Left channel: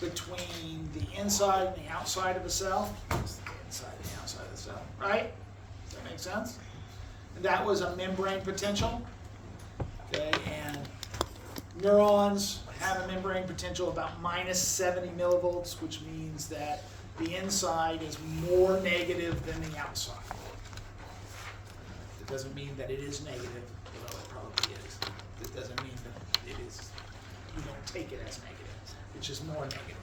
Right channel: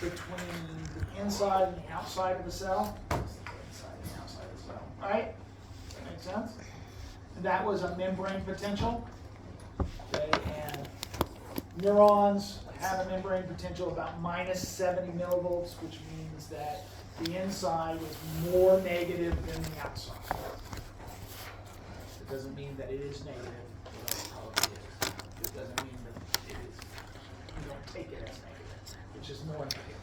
between the inside and the outside of the cell. It's the inside and the outside of the cell, right? Does that make sense? And that was a membrane potential. Okay, and neurons have a membrane potential of about minus 70 millivolts, which means that the inside is more negative than the outside. It doesn't mean that it is negative. It probably is. It doesn't mean that it is. You don't take it as negative. It's just more negative.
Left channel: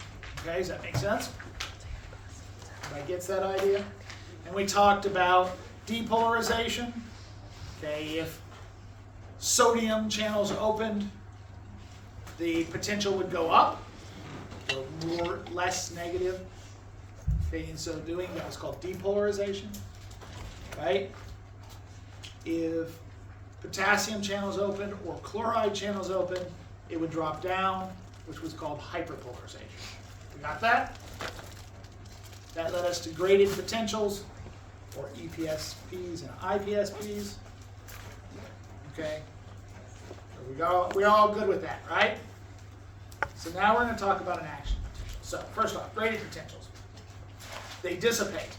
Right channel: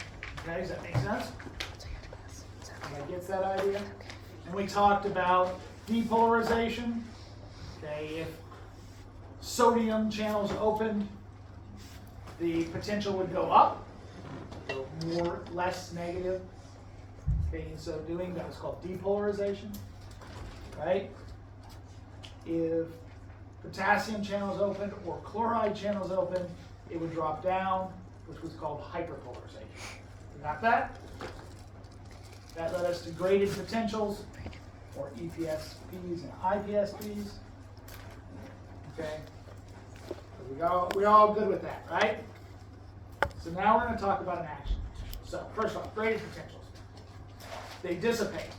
Okay, does that make sense? Everybody gets that idea? And we talked about depolarization. Okay, if sodium channels opened, the potential would go up, or less negative. Okay, and so doing that is called depolarization, right? If potassium channels open or chloride channels open, it would drop down, which was called hyperpolarization. We got that? That led us to graded potentials, or EPSPs and IPSPs. Okay, we're all good with that, right? So now we're going to talk about an action. So first off, graded potentials. They dissipate,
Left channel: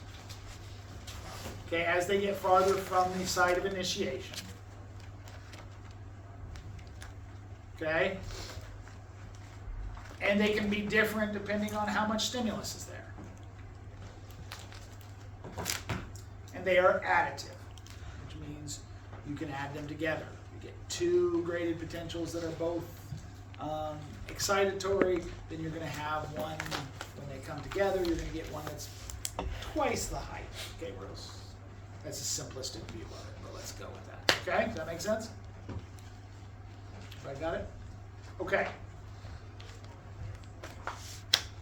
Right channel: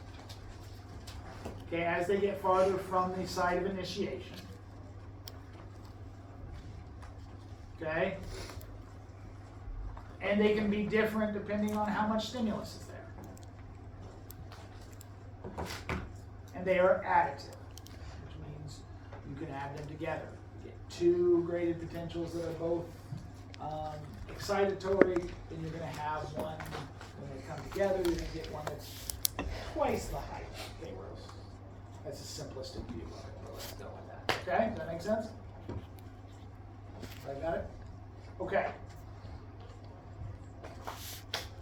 okay, as they get farther from the site of initiation. Okay? And they can be different depending on how much stimulus is there. And they are additive, which means you can add them together. You get two graded potentials that are both excitatory, then you're going to have one, when they come together, you're going to get one that's twice the height. Okay, that's a simplistic view of it, but let's go with that. Okay, does that make sense? I got it? Okay.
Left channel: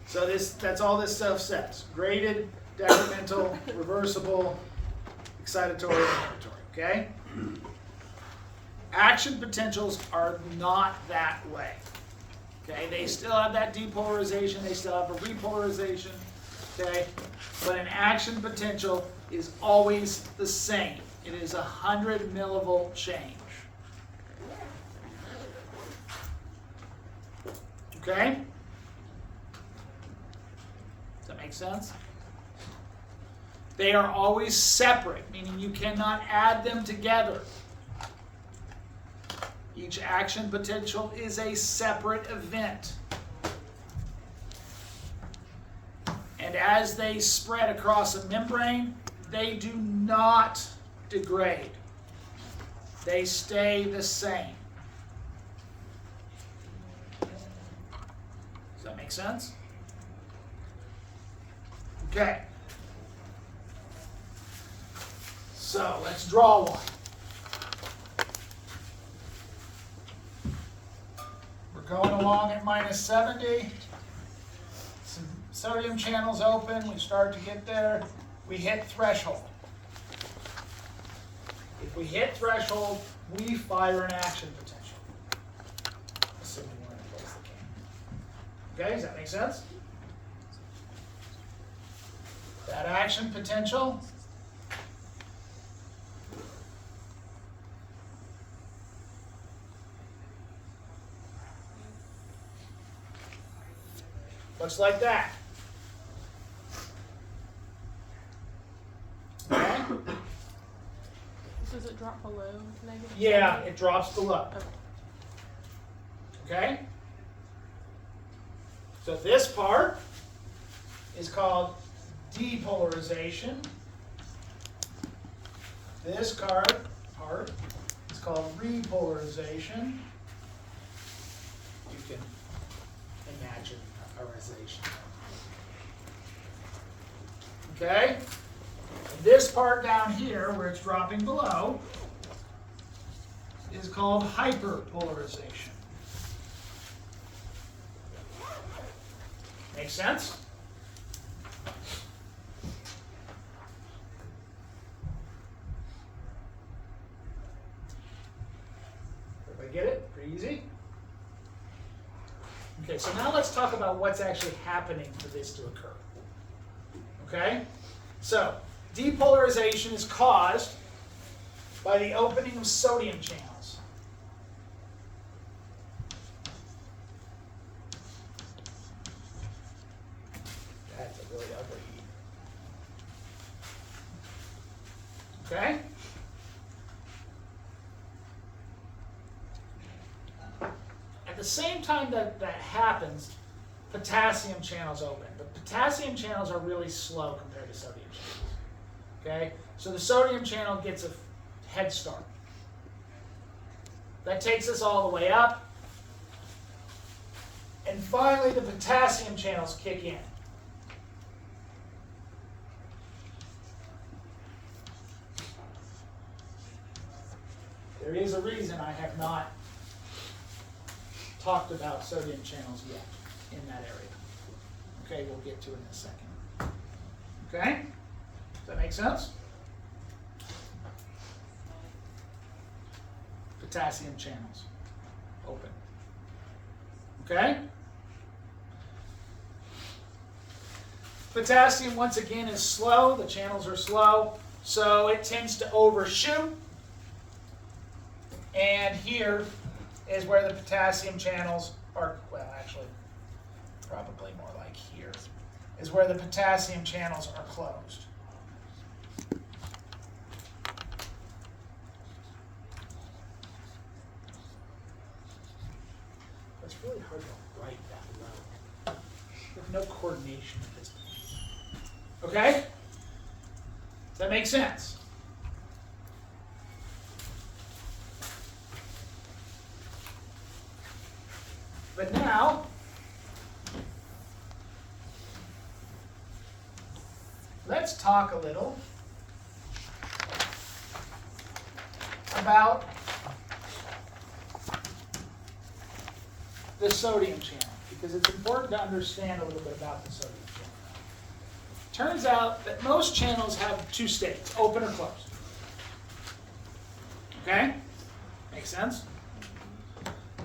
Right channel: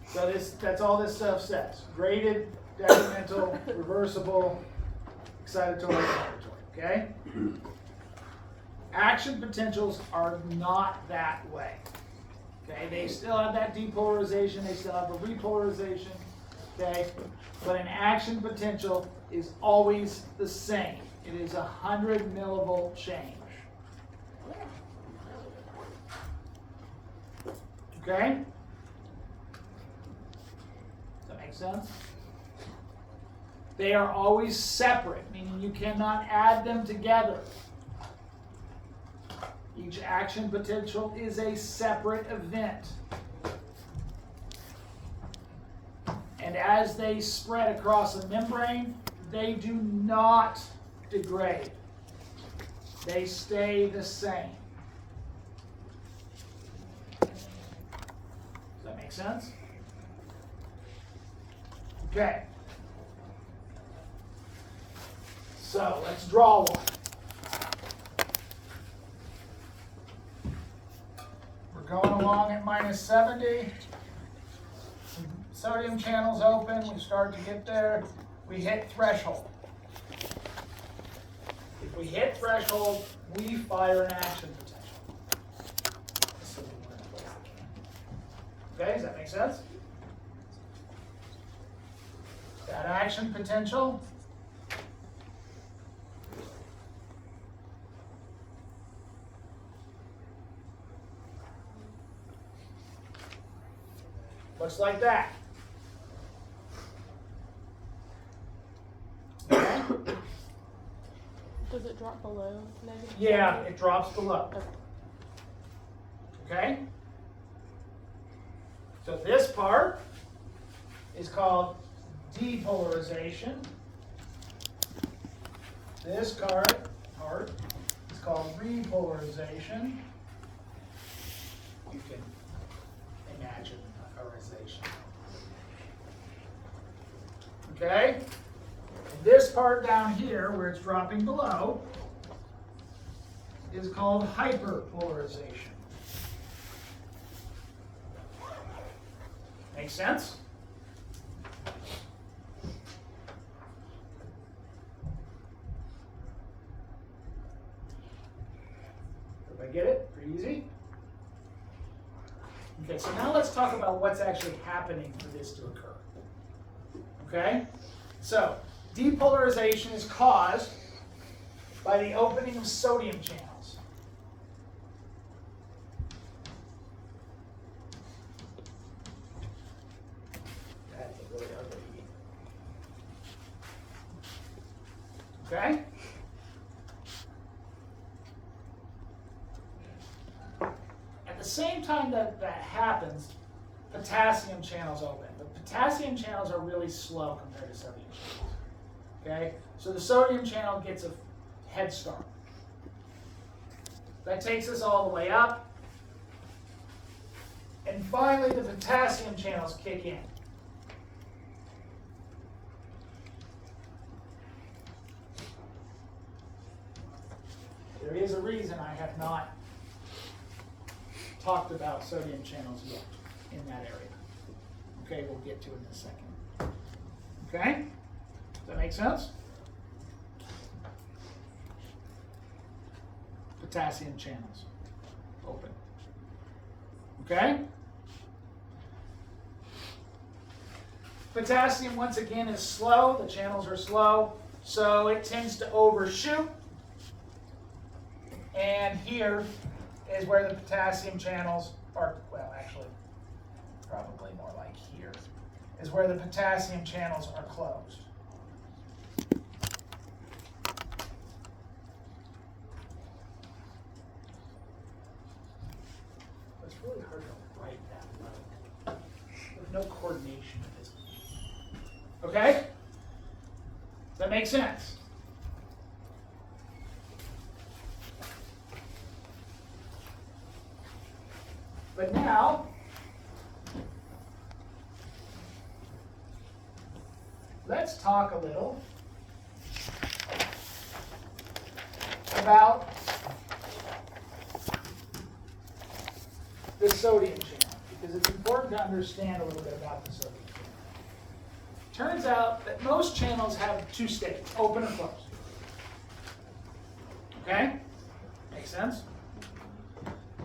So that's all this stuff says. Graded, decremental, reversible, excitatory, and inhibitory. Okay? Action potentials are not that way. Okay, they still have that depolarization, they still have a repolarization, okay? But an action potential is always the same. It is 100 millivolt change. Okay? Does that make sense? They are always separate, meaning you cannot add them together. Each action potential is a separate event. And as they spread across a membrane, they do not degrade. They stay the same. Does that make sense? Okay. So let's draw one. Going along at minus 70, some sodium channels open, we start to get there, we hit threshold. If we hit threshold, we fire an action potential. Assuming we're in place the can. Okay, does that make sense? That action potential looks like that. Okay? Does it drop below negative? Yeah, it drops below. Okay. Okay? So this part is called depolarization. This part is called repolarization. You can imagine polarization. Okay? And this part down here, where it's dropping below, is called hyperpolarization. Make sense? Everybody get it? Pretty easy? Okay, so now let's talk about what's actually happening for this to occur. Okay? So, depolarization is caused by the opening of sodium channels. Okay? At the same time that that happens, potassium channels open. But potassium channels are really slow compared to sodium channels. Okay? So the sodium channel gets a head start. That takes us all the way up. And finally, the potassium channels kick in. There is a reason I have not talked about sodium channels yet in that area. Okay, we'll get to it in a second. Okay? Does that make sense? Potassium channels open. Okay? Potassium, once again, is slow. The channels are slow, so it tends to overshoot. And here is where the potassium channels are, well, actually, probably more like here, is where the potassium channels are closed. It's really hard to write that low. There's no coordination with this. Okay? Does that make sense? But now, let's talk a little about the sodium channel, because it's important to understand a little bit about the sodium channel. Turns out that most channels have two states, open or closed. Okay? Make sense?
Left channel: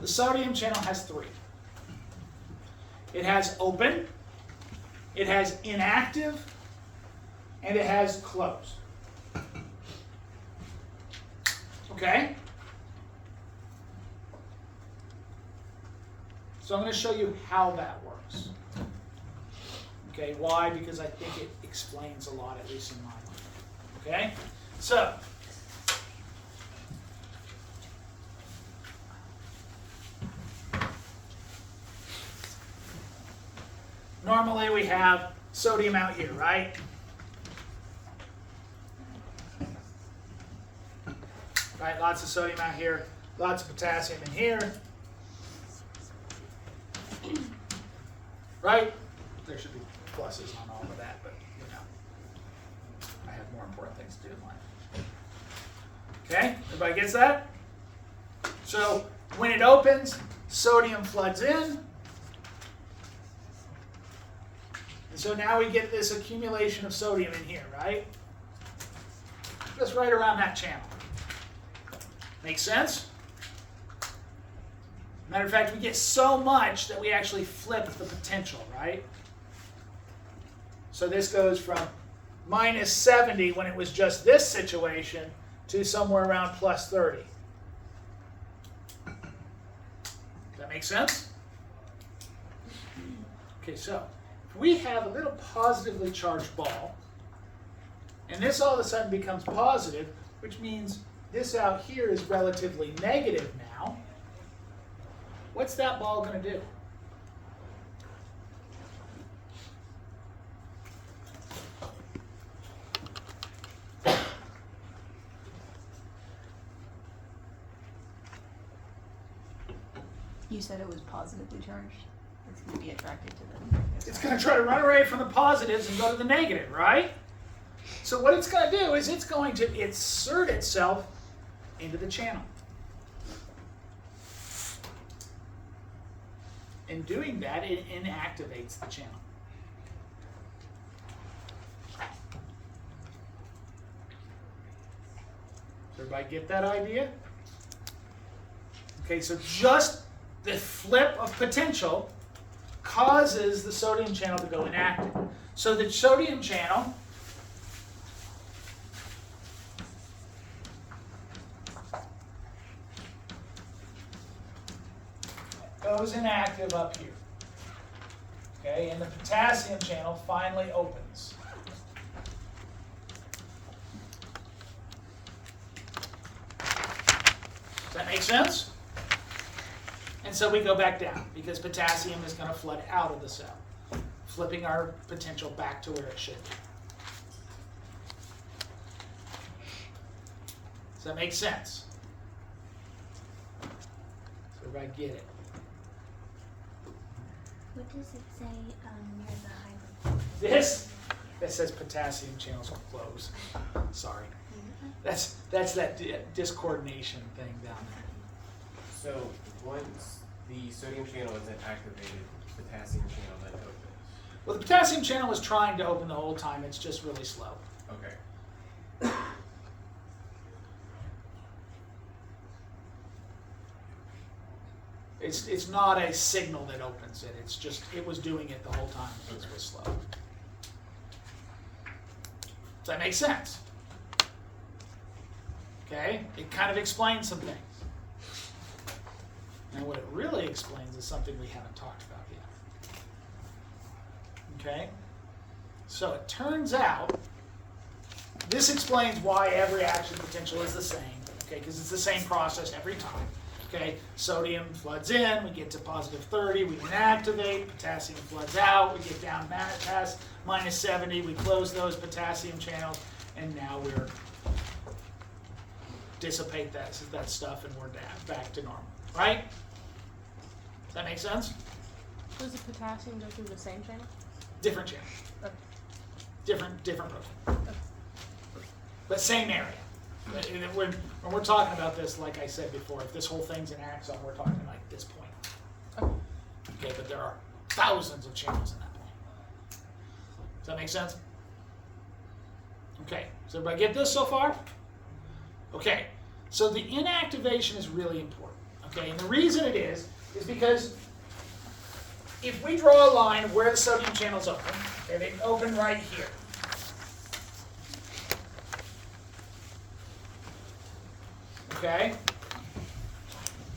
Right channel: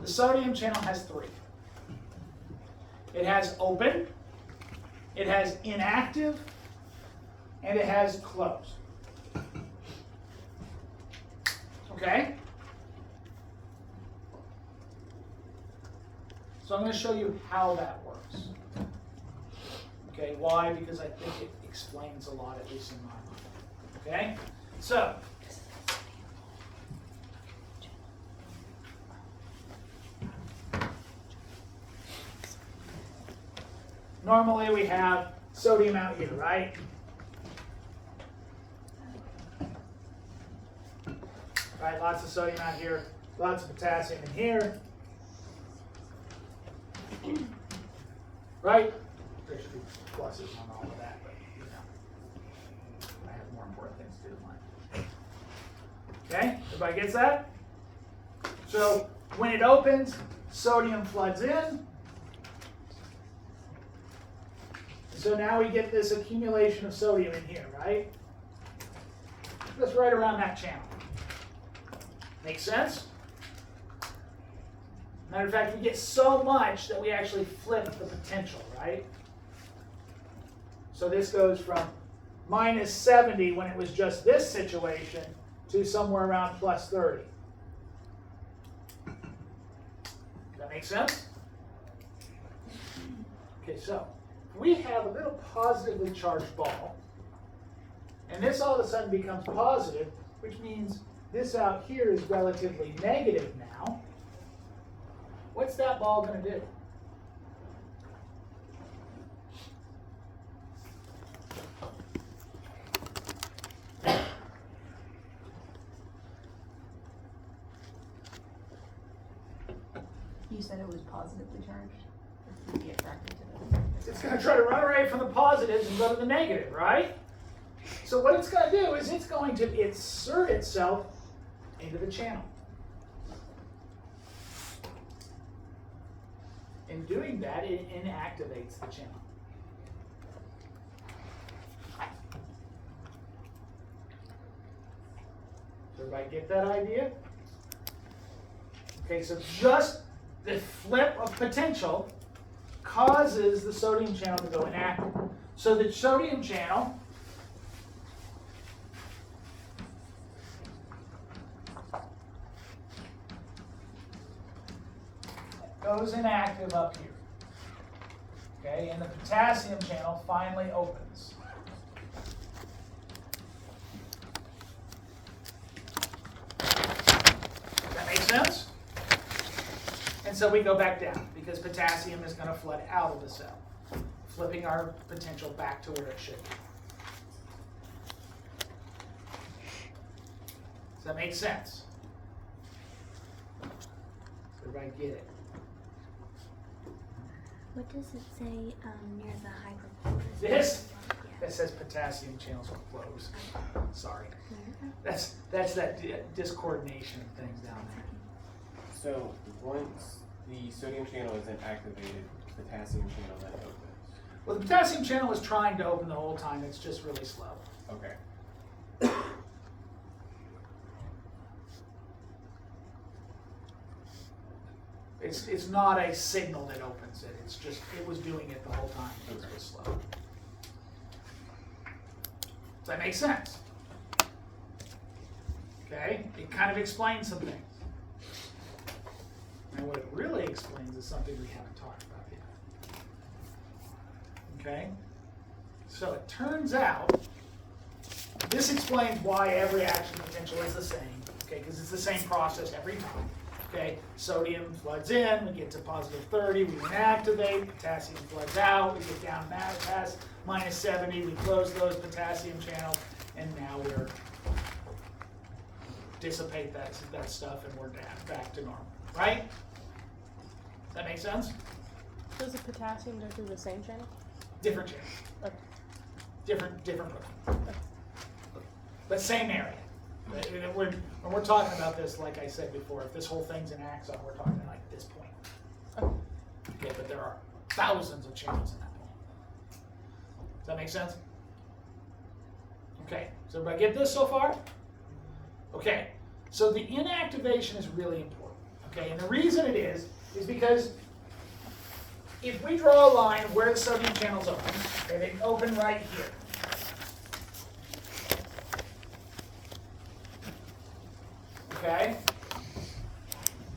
The sodium channel has three. It has open, it has inactive, and it has closed. Okay? So I'm going to show you how that works. Okay, why? Because I think it explains a lot, at least in my mind. Okay? So, normally we have sodium out here, right? Right, lots of sodium out here, lots of potassium in here. Right? There should be pluses on all of that, but you know, I have more important things to do in life. Okay, everybody gets that? So when it opens, sodium floods in. So now we get this accumulation of sodium in here, right? Just right around that channel. Make sense? Matter of fact, we get so much that we actually flip the potential, right? So this goes from minus 70 when it was just this situation to somewhere around plus 30. Does that make sense? Okay, so we have a little positively charged ball, and this all of a sudden becomes positive, which means this out here is relatively negative now. What's that ball going to do? You said it was positively charged. It's going to be attracted to the negative. It's going to try to run away from the positives and go to the negative, right? So what it's going to do is it's going to insert itself into the channel. In doing that, it inactivates the channel. Everybody get that idea? Okay, so just the flip of potential causes the sodium channel to go inactive. So the sodium channel goes inactive up here. Okay, and the potassium channel finally opens. sense? And so we go back down because potassium is going to flood out of the cell, flipping our potential back to where it should be. Does that make sense? So everybody get it? What does it say near the hyper? This? That says potassium channels are closed. Sorry. That's that discoordination thing down there. So once the sodium channel isn't activated, potassium channel then opens. Well, the potassium channel is trying to open the whole time. It's just really slow. Okay. It's not a signal that opens it. It's just, it was doing it the whole time. It was slow. Does that make sense? Okay? It kind of explains some things. And what it really explains is something we haven't talked about yet. Okay? So it turns out, this explains why every action potential is the same. Okay? Because it's the same process every time. Okay, sodium floods in, we get to positive 30, we inactivate, potassium floods out, we get down past minus 70, we close those potassium channels, and now we're dissipate that stuff and we're back to normal, right? Does that make sense? Does the potassium go through the same channel? Different channel. Okay. Different protein. But same area. When we're talking about this, like I said before, if this whole thing's an axon, we're talking like this point. Okay, but there are thousands of channels in that point. Does that make sense? Okay, so everybody get this so far? Okay, so the inactivation is really important. Okay, and the reason it is because if we draw a line where the sodium channels open, okay, they open right here. Okay?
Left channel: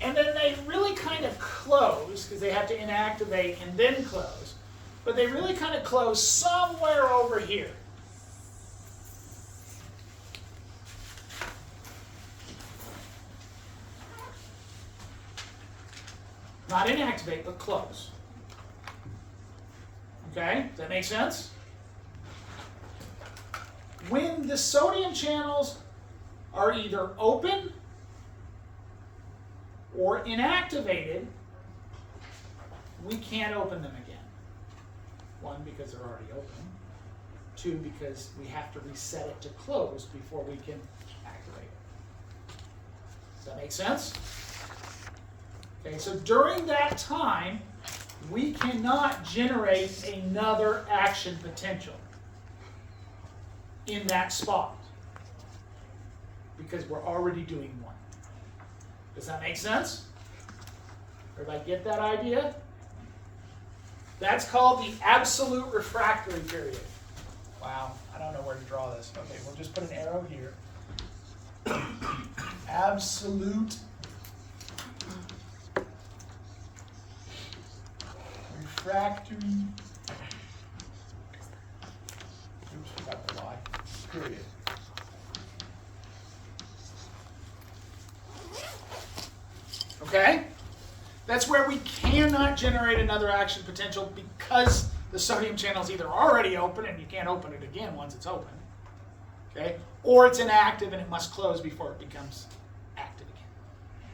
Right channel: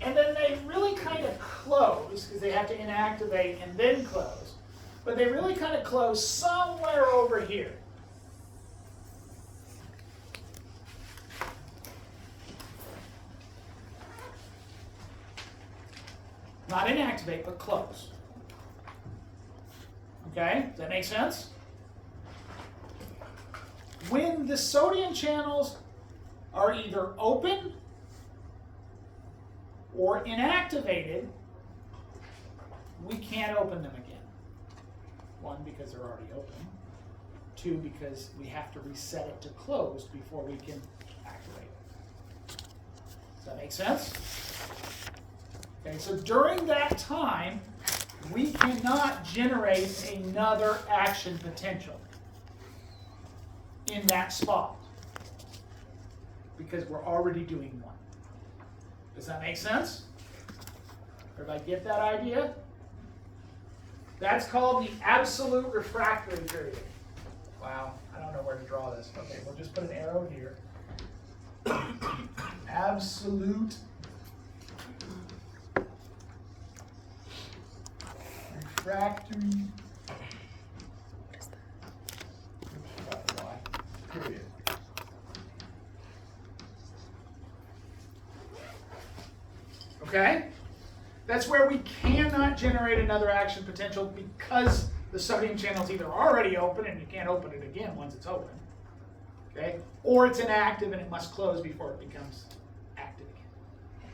And then they really kind of close, because they have to inactivate and then close. But they really kind of close somewhere over here. Not inactivate, but close. Okay? Does that make sense? When the sodium channels are either open or inactivated, we can't open them again. One, because they're already open. Two, because we have to reset it to close before we can activate it. Does that make sense? Okay, so during that time, we cannot generate another action potential in that spot because we're already doing one. Does that make sense? Everybody get that idea? That's called the absolute refractory period. Wow, I don't know where to draw this. Okay, we'll just put an arrow here. Absolute refractory. Oops, forgot the Y. Period. Okay? That's where we cannot generate another action potential because the sodium channel is either already open and you can't open it again once it's open, okay? Or it's inactive and it must close before it becomes active again.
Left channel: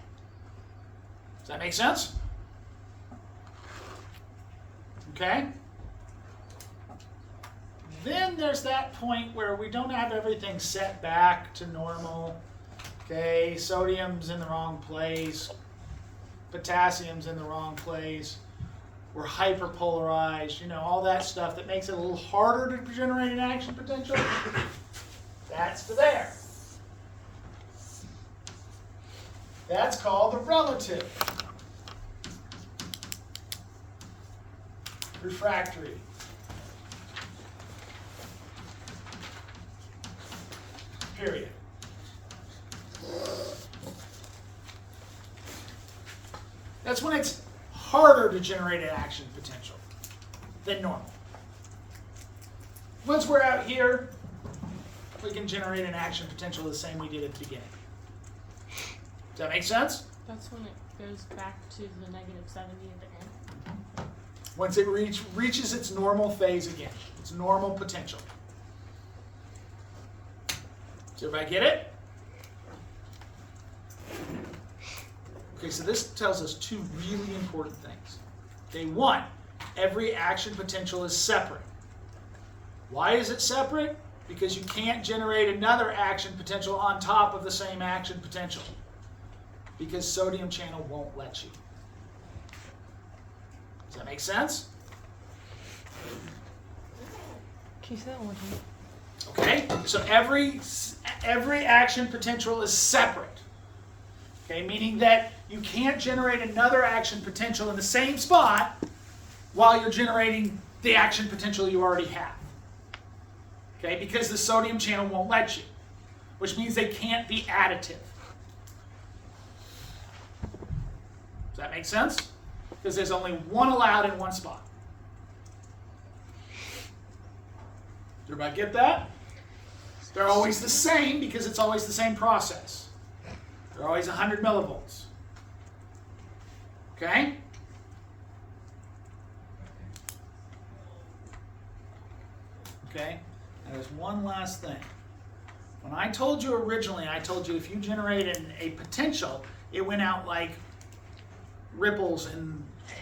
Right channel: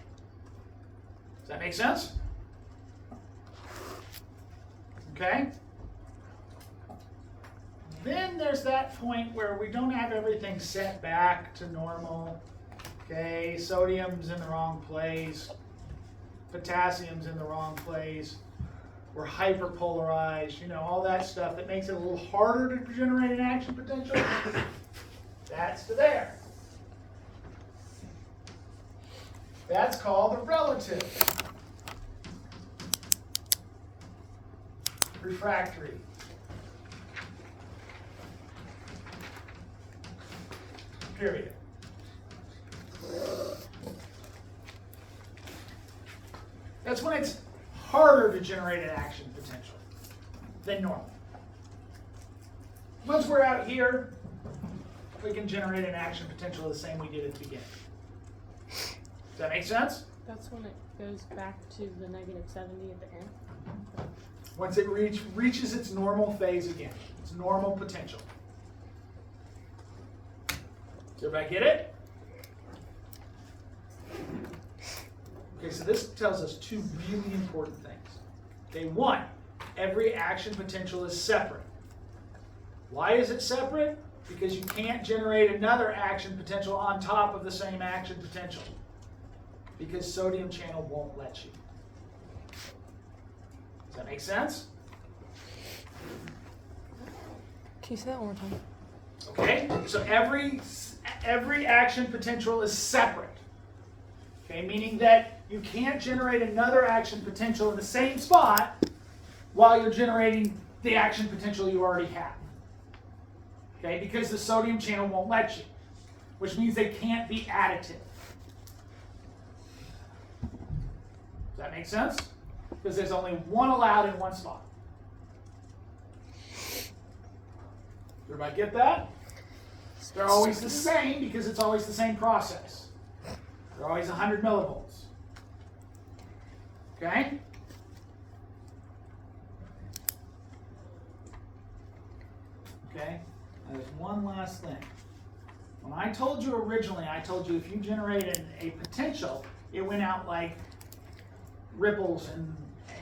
Does that make sense? Okay? Then there's that point where we don't have everything set back to normal. Okay, sodium's in the wrong place. Potassium's in the wrong place. We're hyperpolarized, you know, all that stuff that makes it a little harder to generate an action potential. That's to there. That's called the relative refractory. Period. That's when it's harder to generate an action potential than normal. Once we're out here, we can generate an action potential the same we did at the beginning. Does that make sense? That's when it goes back to the negative 70 at the end. Once it reaches its normal phase again, its normal potential. Does everybody get it? Okay, so this tells us two really important things. Okay, one, every action potential is separate. Why is it separate? Because you can't generate another action potential on top of the same action potential. Because sodium channel won't let you. Does that make sense? Can you say that one more time? Okay, so every action potential is separate. Okay, meaning that you can't generate another action potential in the same spot while you're generating the action potential you already have. Okay, because the sodium channel won't let you, which means they can't be additive. Does that make sense? Because there's only one allowed in one spot. Does everybody get that? They're always the same because it's always the same process. They're always 100 millivolts. Okay? Okay? And there's one last thing. When I told you originally, I told you if you generated a potential, it went out like ripples in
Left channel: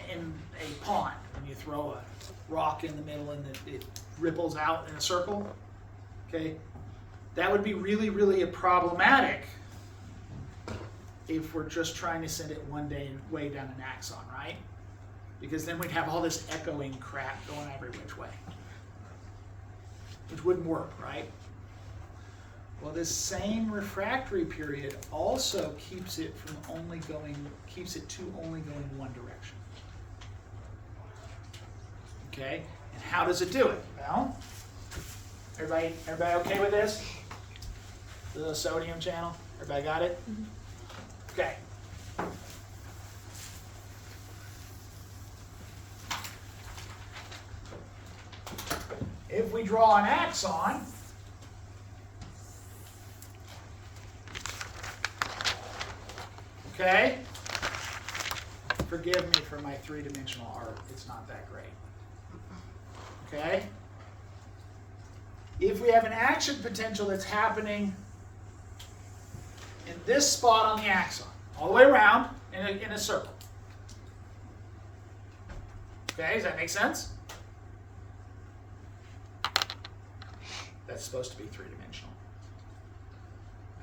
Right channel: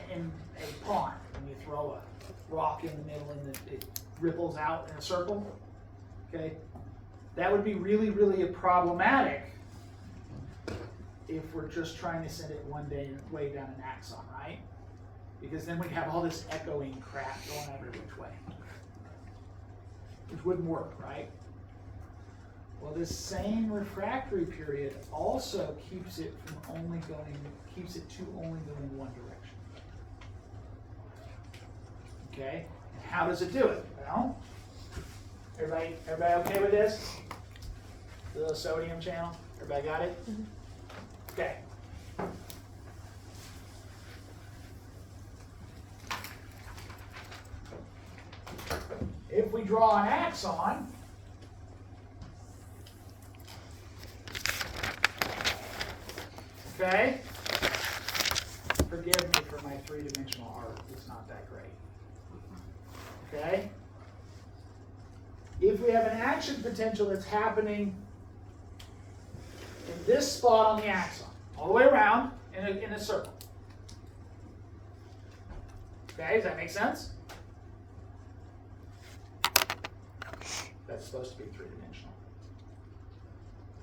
a pond. When you throw a rock in the middle and it ripples out in a circle. Okay? That would be really, really problematic if we're just trying to send it way down an axon, right? Because then we'd have all this echoing crap going every which way. Which wouldn't work, right? Well, this same refractory period also keeps it to only going one direction. Okay? And how does it do it? Well, everybody okay with this? The sodium channel? Everybody got it? Mm-hmm. Okay. If we draw an axon, okay? Forgive me for my three-dimensional art. It's not that great. Okay? If we have an action potential that's happening in this spot on the axon, all the way around in a circle. Okay, does that make sense? That's supposed to be three-dimensional.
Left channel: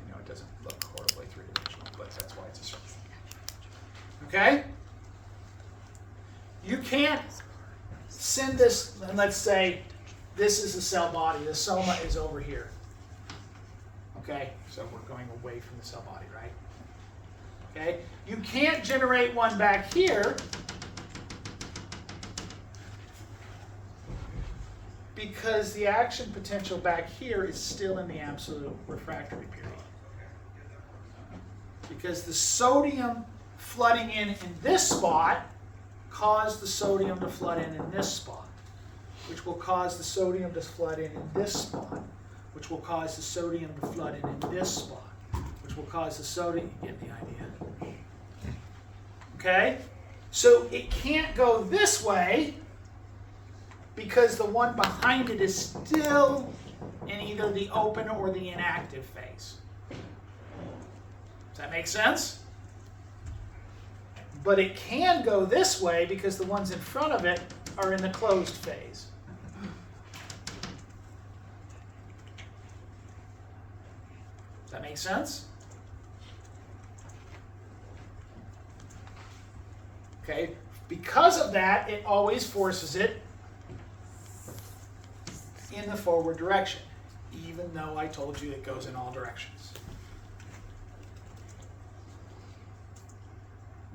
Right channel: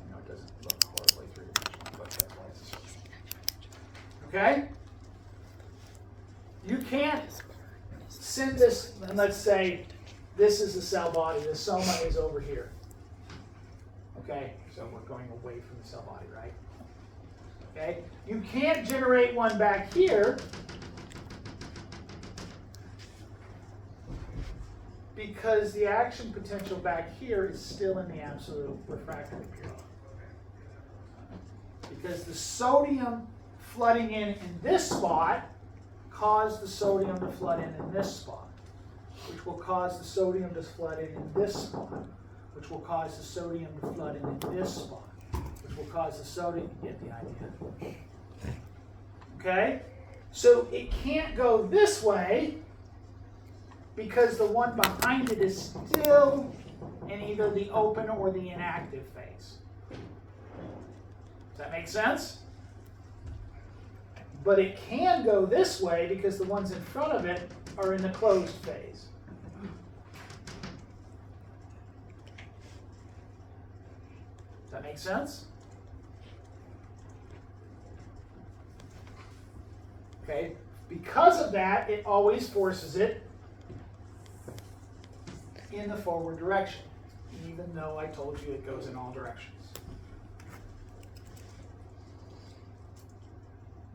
I know it doesn't look horribly three-dimensional, but that's why it's a circle. Okay? You can't send this, and let's say this is the cell body, the soma is over here. Okay, so we're going away from the cell body, right? Okay, you can't generate one back here because the action potential back here is still in the absolute refractory period. Because the sodium flooding in this spot caused the sodium to flood in this spot, which will cause the sodium to flood in this spot, which will cause the sodium to flood in this spot, which will cause the sodium, you get the idea. Okay? So it can't go this way because the one behind it is still in either the open or the inactive phase. Does that make sense? But it can go this way because the ones in front of it are in the closed phase. Does that make sense? Okay, because of that, it always forces it in the forward direction, even though I told you it goes in all directions.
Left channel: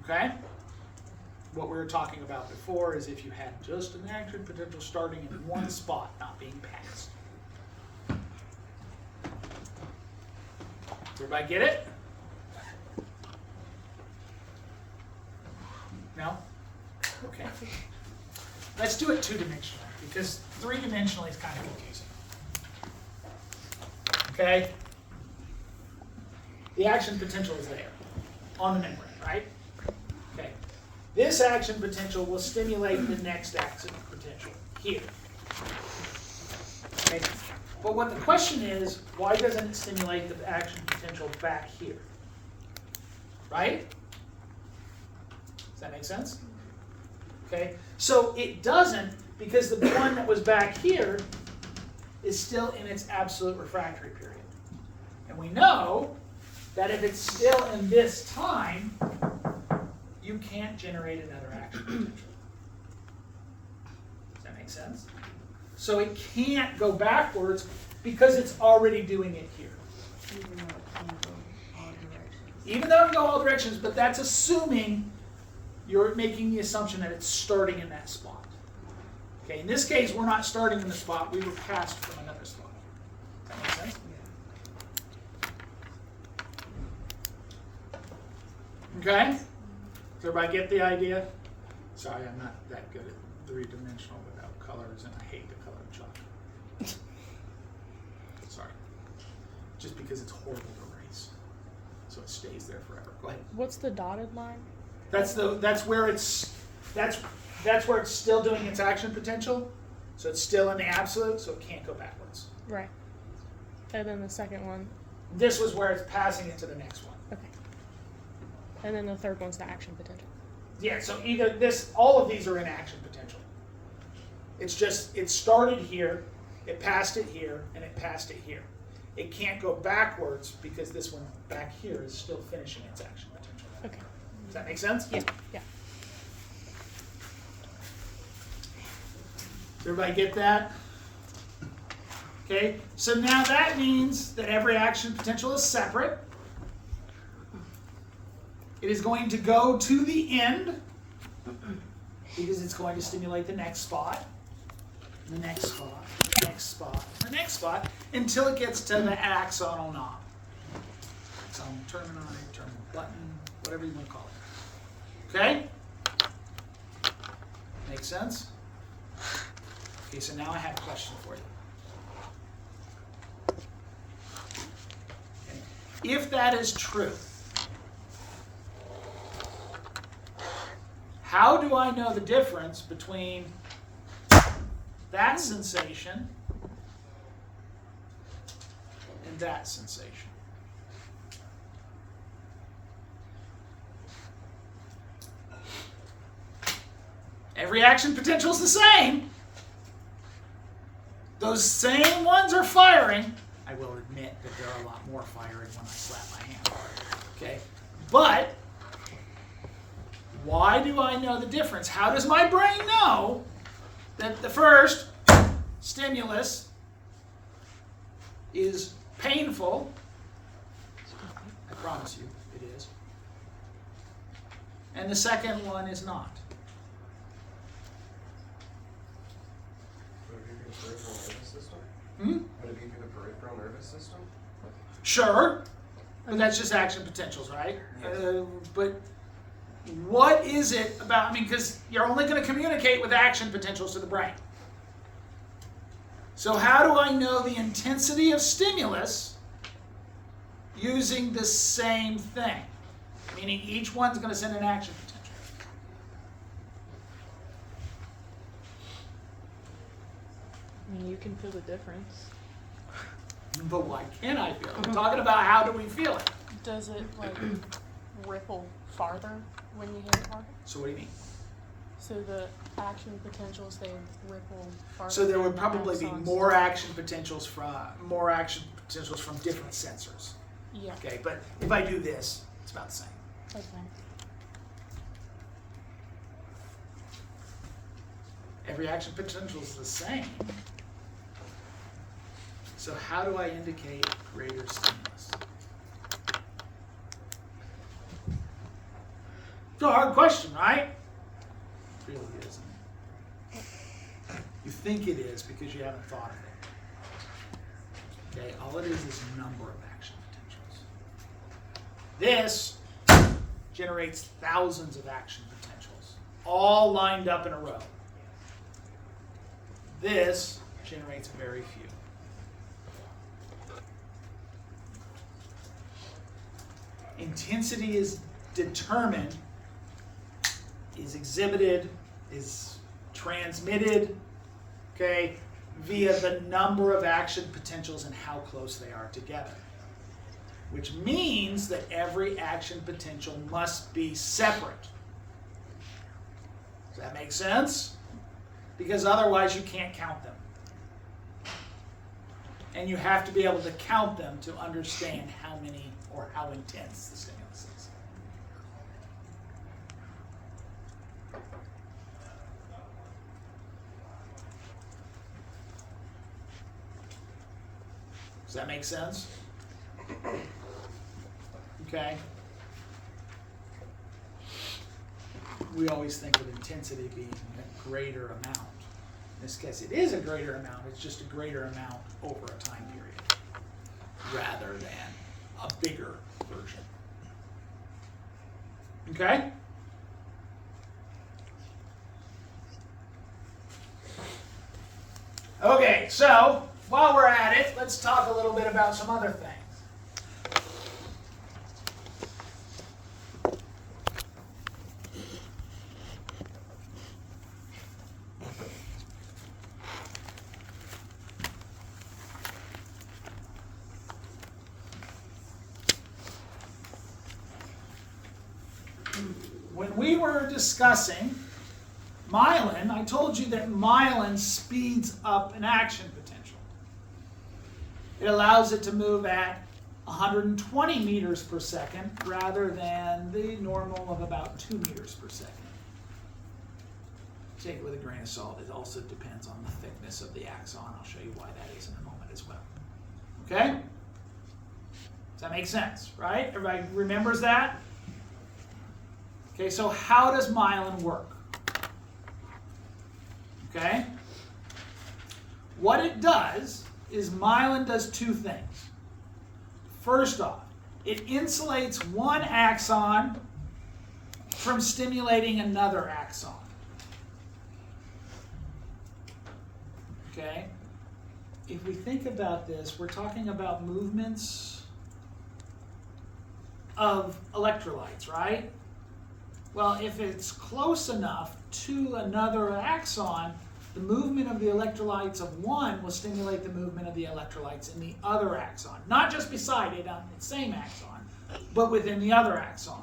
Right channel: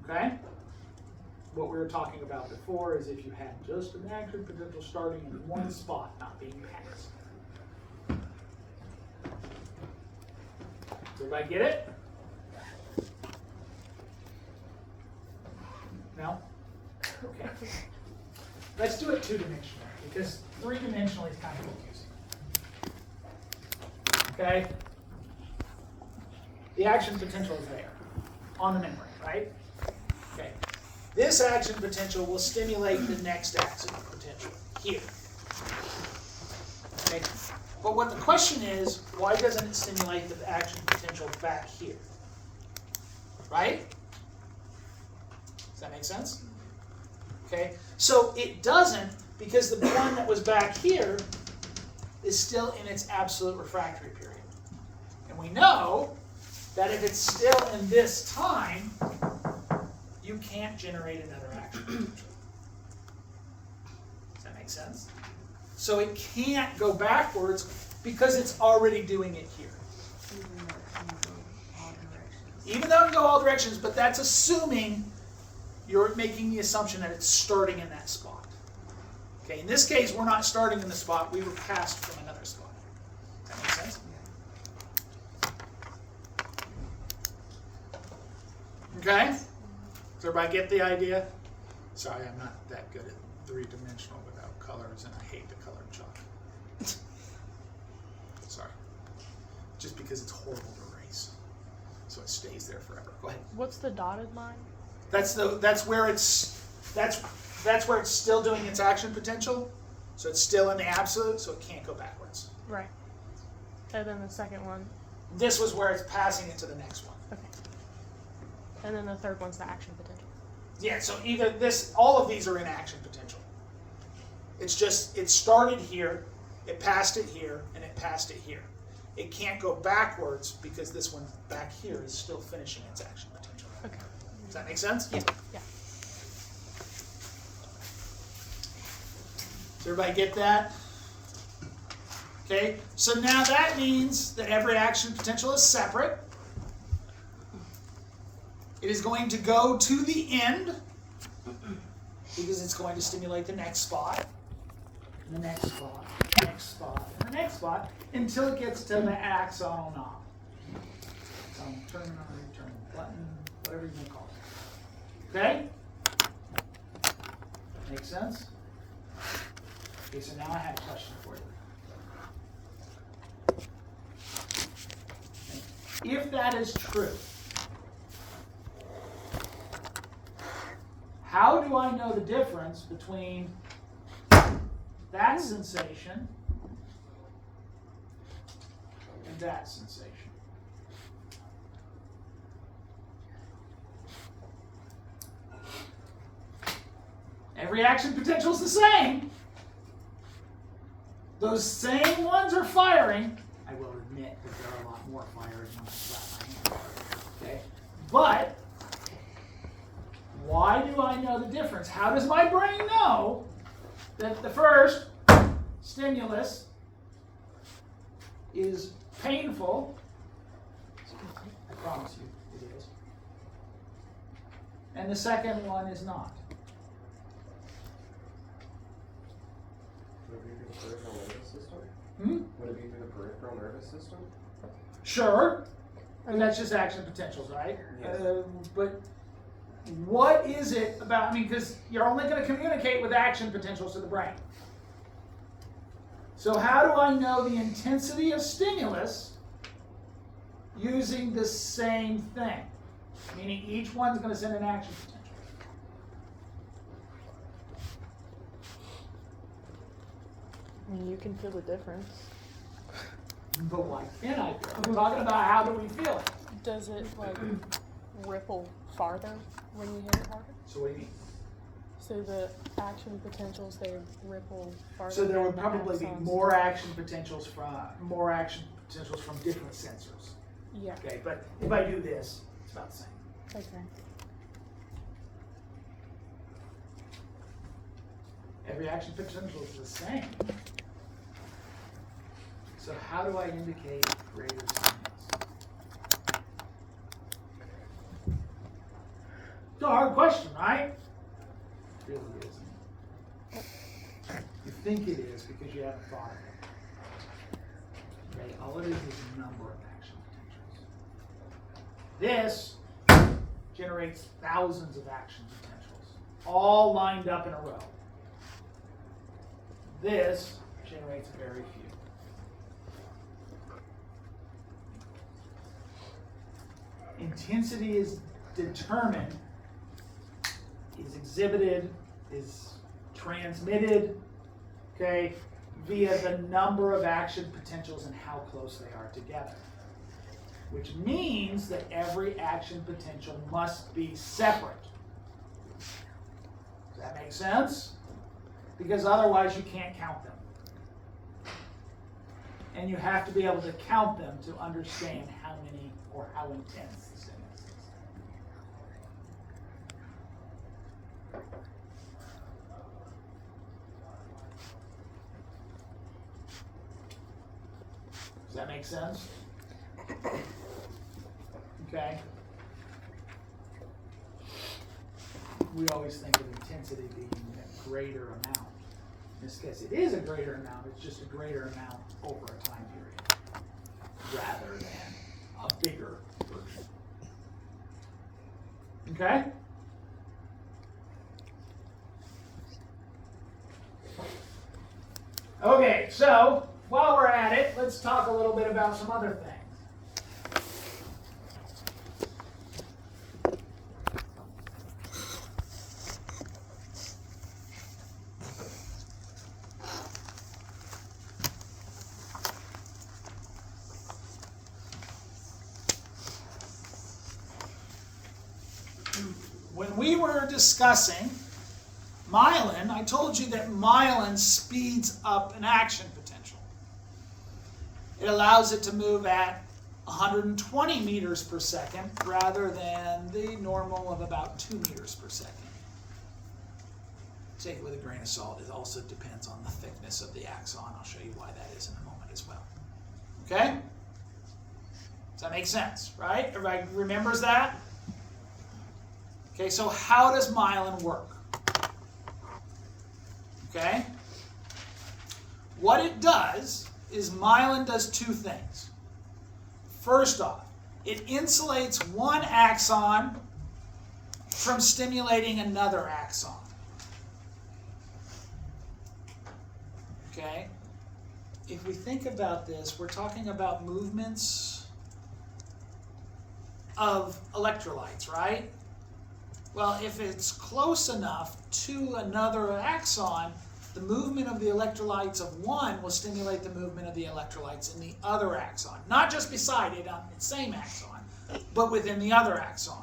Okay? What we were talking about before is if you had just an action potential starting in one spot, not being passed. Everybody get it? No? Okay. Let's do it two-dimensionally, because three-dimensionally is kind of confusing. Okay? The action potential is there, on the membrane. right? Okay. This action potential will stimulate the next action potential here. Okay. But what the question is, why doesn't it stimulate the action potential back here? Right? Does that make sense? Okay. So it doesn't, because the one that was back here is still in its absolute refractory period. And we know that if it's still in this time, you can't generate another action potential. Does that make sense? So it can't go backwards because it's already doing it here. Even though it can go all directions. Even though it can go all directions, but that's assuming you're making the assumption that it's starting in that spot. Okay, in this case, we're not starting in the spot, we were passed from another spot. Does that make sense? Okay? Does everybody get the idea? Sorry, I'm not that good at three-dimensional without colors, and I hate the colored chalk. Sorry. Just because it's horrible to erase. So it stays there forever. Go ahead. What's the dotted line? That's where it's still doing its action potential. So it's still in the absolute, so it can't go backwards. Right. And then the second one. This was where it's passing it to the next one. Okay. And then the third one's the action potential. Yeah, so either all of these are in action potential. It's just, it started here, it passed it here, and it passed it here. It can't go backwards because this one back here is still finishing its action potential. Okay. Does that make sense? Yeah. Yeah. Does everybody get that? Okay, so now that means that every action potential is separate. It is going to go to the end because it's going to stimulate the next spot, the next spot, the next spot, the next spot, until it gets to the axonal knob. Axonal terminal button, whatever you want to call it. Okay? Make sense? Okay, so now I have a question for you. Okay. If that is true, how do I know the difference between that sensation and that sensation? Every action potential is the same. Those same ones are firing. I will admit that there are a lot more firing when I slap my hand. Okay, but why do I know the difference? How does my brain know that the first stimulus is painful? I promise you it is. And the second one is not. Would it be through the peripheral nervous system? Would it be through the peripheral nervous system? Sure, but that's just action potentials, right? Yes. But what is it about, I mean, because you're only going to communicate with action potentials to the brain. So how do I know the intensity of stimulus using the same thing? Meaning each one's going to send an action potential. I mean, you can feel the difference. But why can't I feel it? We're talking about how do we feel it. Does it like ripple farther when you hit it harder? So what do you mean? So the action potentials, they ripple farther. So there would than the probably be axons. more action potentials from different sensors. Yeah. Okay, but if I do this, it's about the same. Okay. Every action potential is the same. So how do I indicate greater stimulus? It's a hard question, right? It really isn't. You think it is because you haven't thought of it. Okay, all it is a number of action potentials. This generates thousands of action potentials, all lined up in a row. This generates very few. Intensity is determined, is exhibited, is transmitted, okay, via the number of action potentials and how close they are together. Which means that every action potential must be separate. Does that make sense? Because otherwise you can't count them. And you have to be able to count them to understand how many or how intense the stimulus is. Does that make sense? Okay. We always think of intensity being a greater amount. In this case, it is a greater amount. It's just a greater amount over a time period rather than a bigger version. Okay? Okay, so while we're at it, let's talk a little bit about some other things. When we were discussing myelin, I told you that myelin speeds up an action potential. It allows it to move at 120 meters per second rather than the normal of about 2 meters per second. Take it with a grain of salt. It also depends on the thickness of the axon. I'll show you why that is in a moment as well. Okay? Does that make sense, right? Everybody remembers that? Okay, so how does myelin work? Okay? What it does is myelin does two things. First off, it insulates one axon from stimulating another axon. Okay? If we think about this, we're talking about movements of electrolytes, right? Well, if it's close enough to another axon, the movement of the electrolytes of one will stimulate the movement of the electrolytes in the other axon. Not just beside it on the same axon, but within the other axon.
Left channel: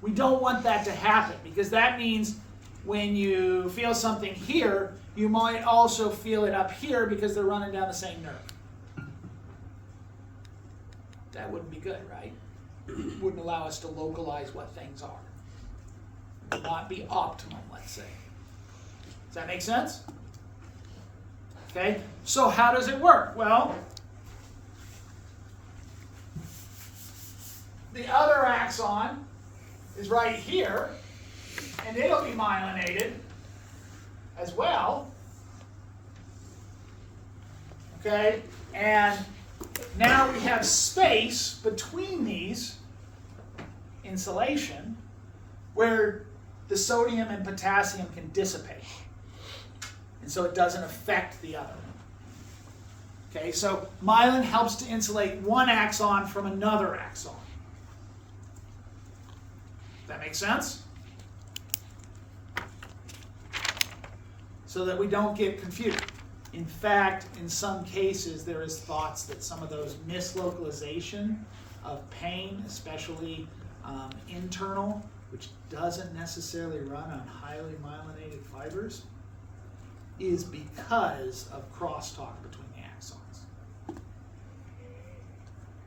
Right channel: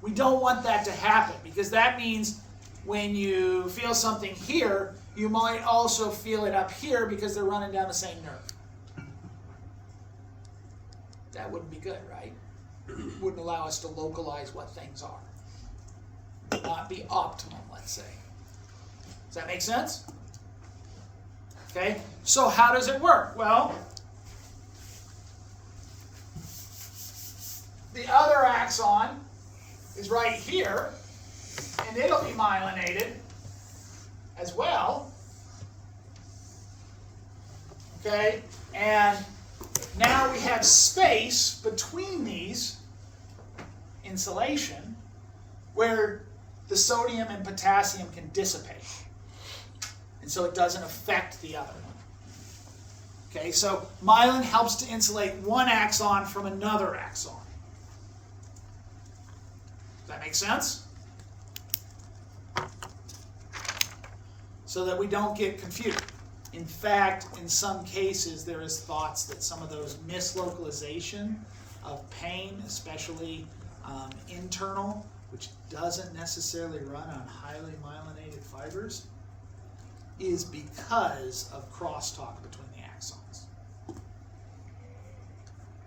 We don't want that to happen because that means when you feel something here, you might also feel it up here because they're running down the same nerve. That wouldn't be good, right? Wouldn't allow us to localize what things are. Not be optimum, let's say. Does that make sense? Okay, so how does it work? Well, the other axon is right here, and it'll be myelinated as well. Okay, and now we have space between these, insulation, where the sodium and potassium can dissipate. And so it doesn't affect the other one. Okay, so myelin helps to insulate one axon from another axon. Does that make sense? So that we don't get confused. In fact, in some cases, there is thoughts that some of those mislocalization of pain, especially internal, which doesn't necessarily run on highly myelinated fibers, is because of crosstalk between the axons.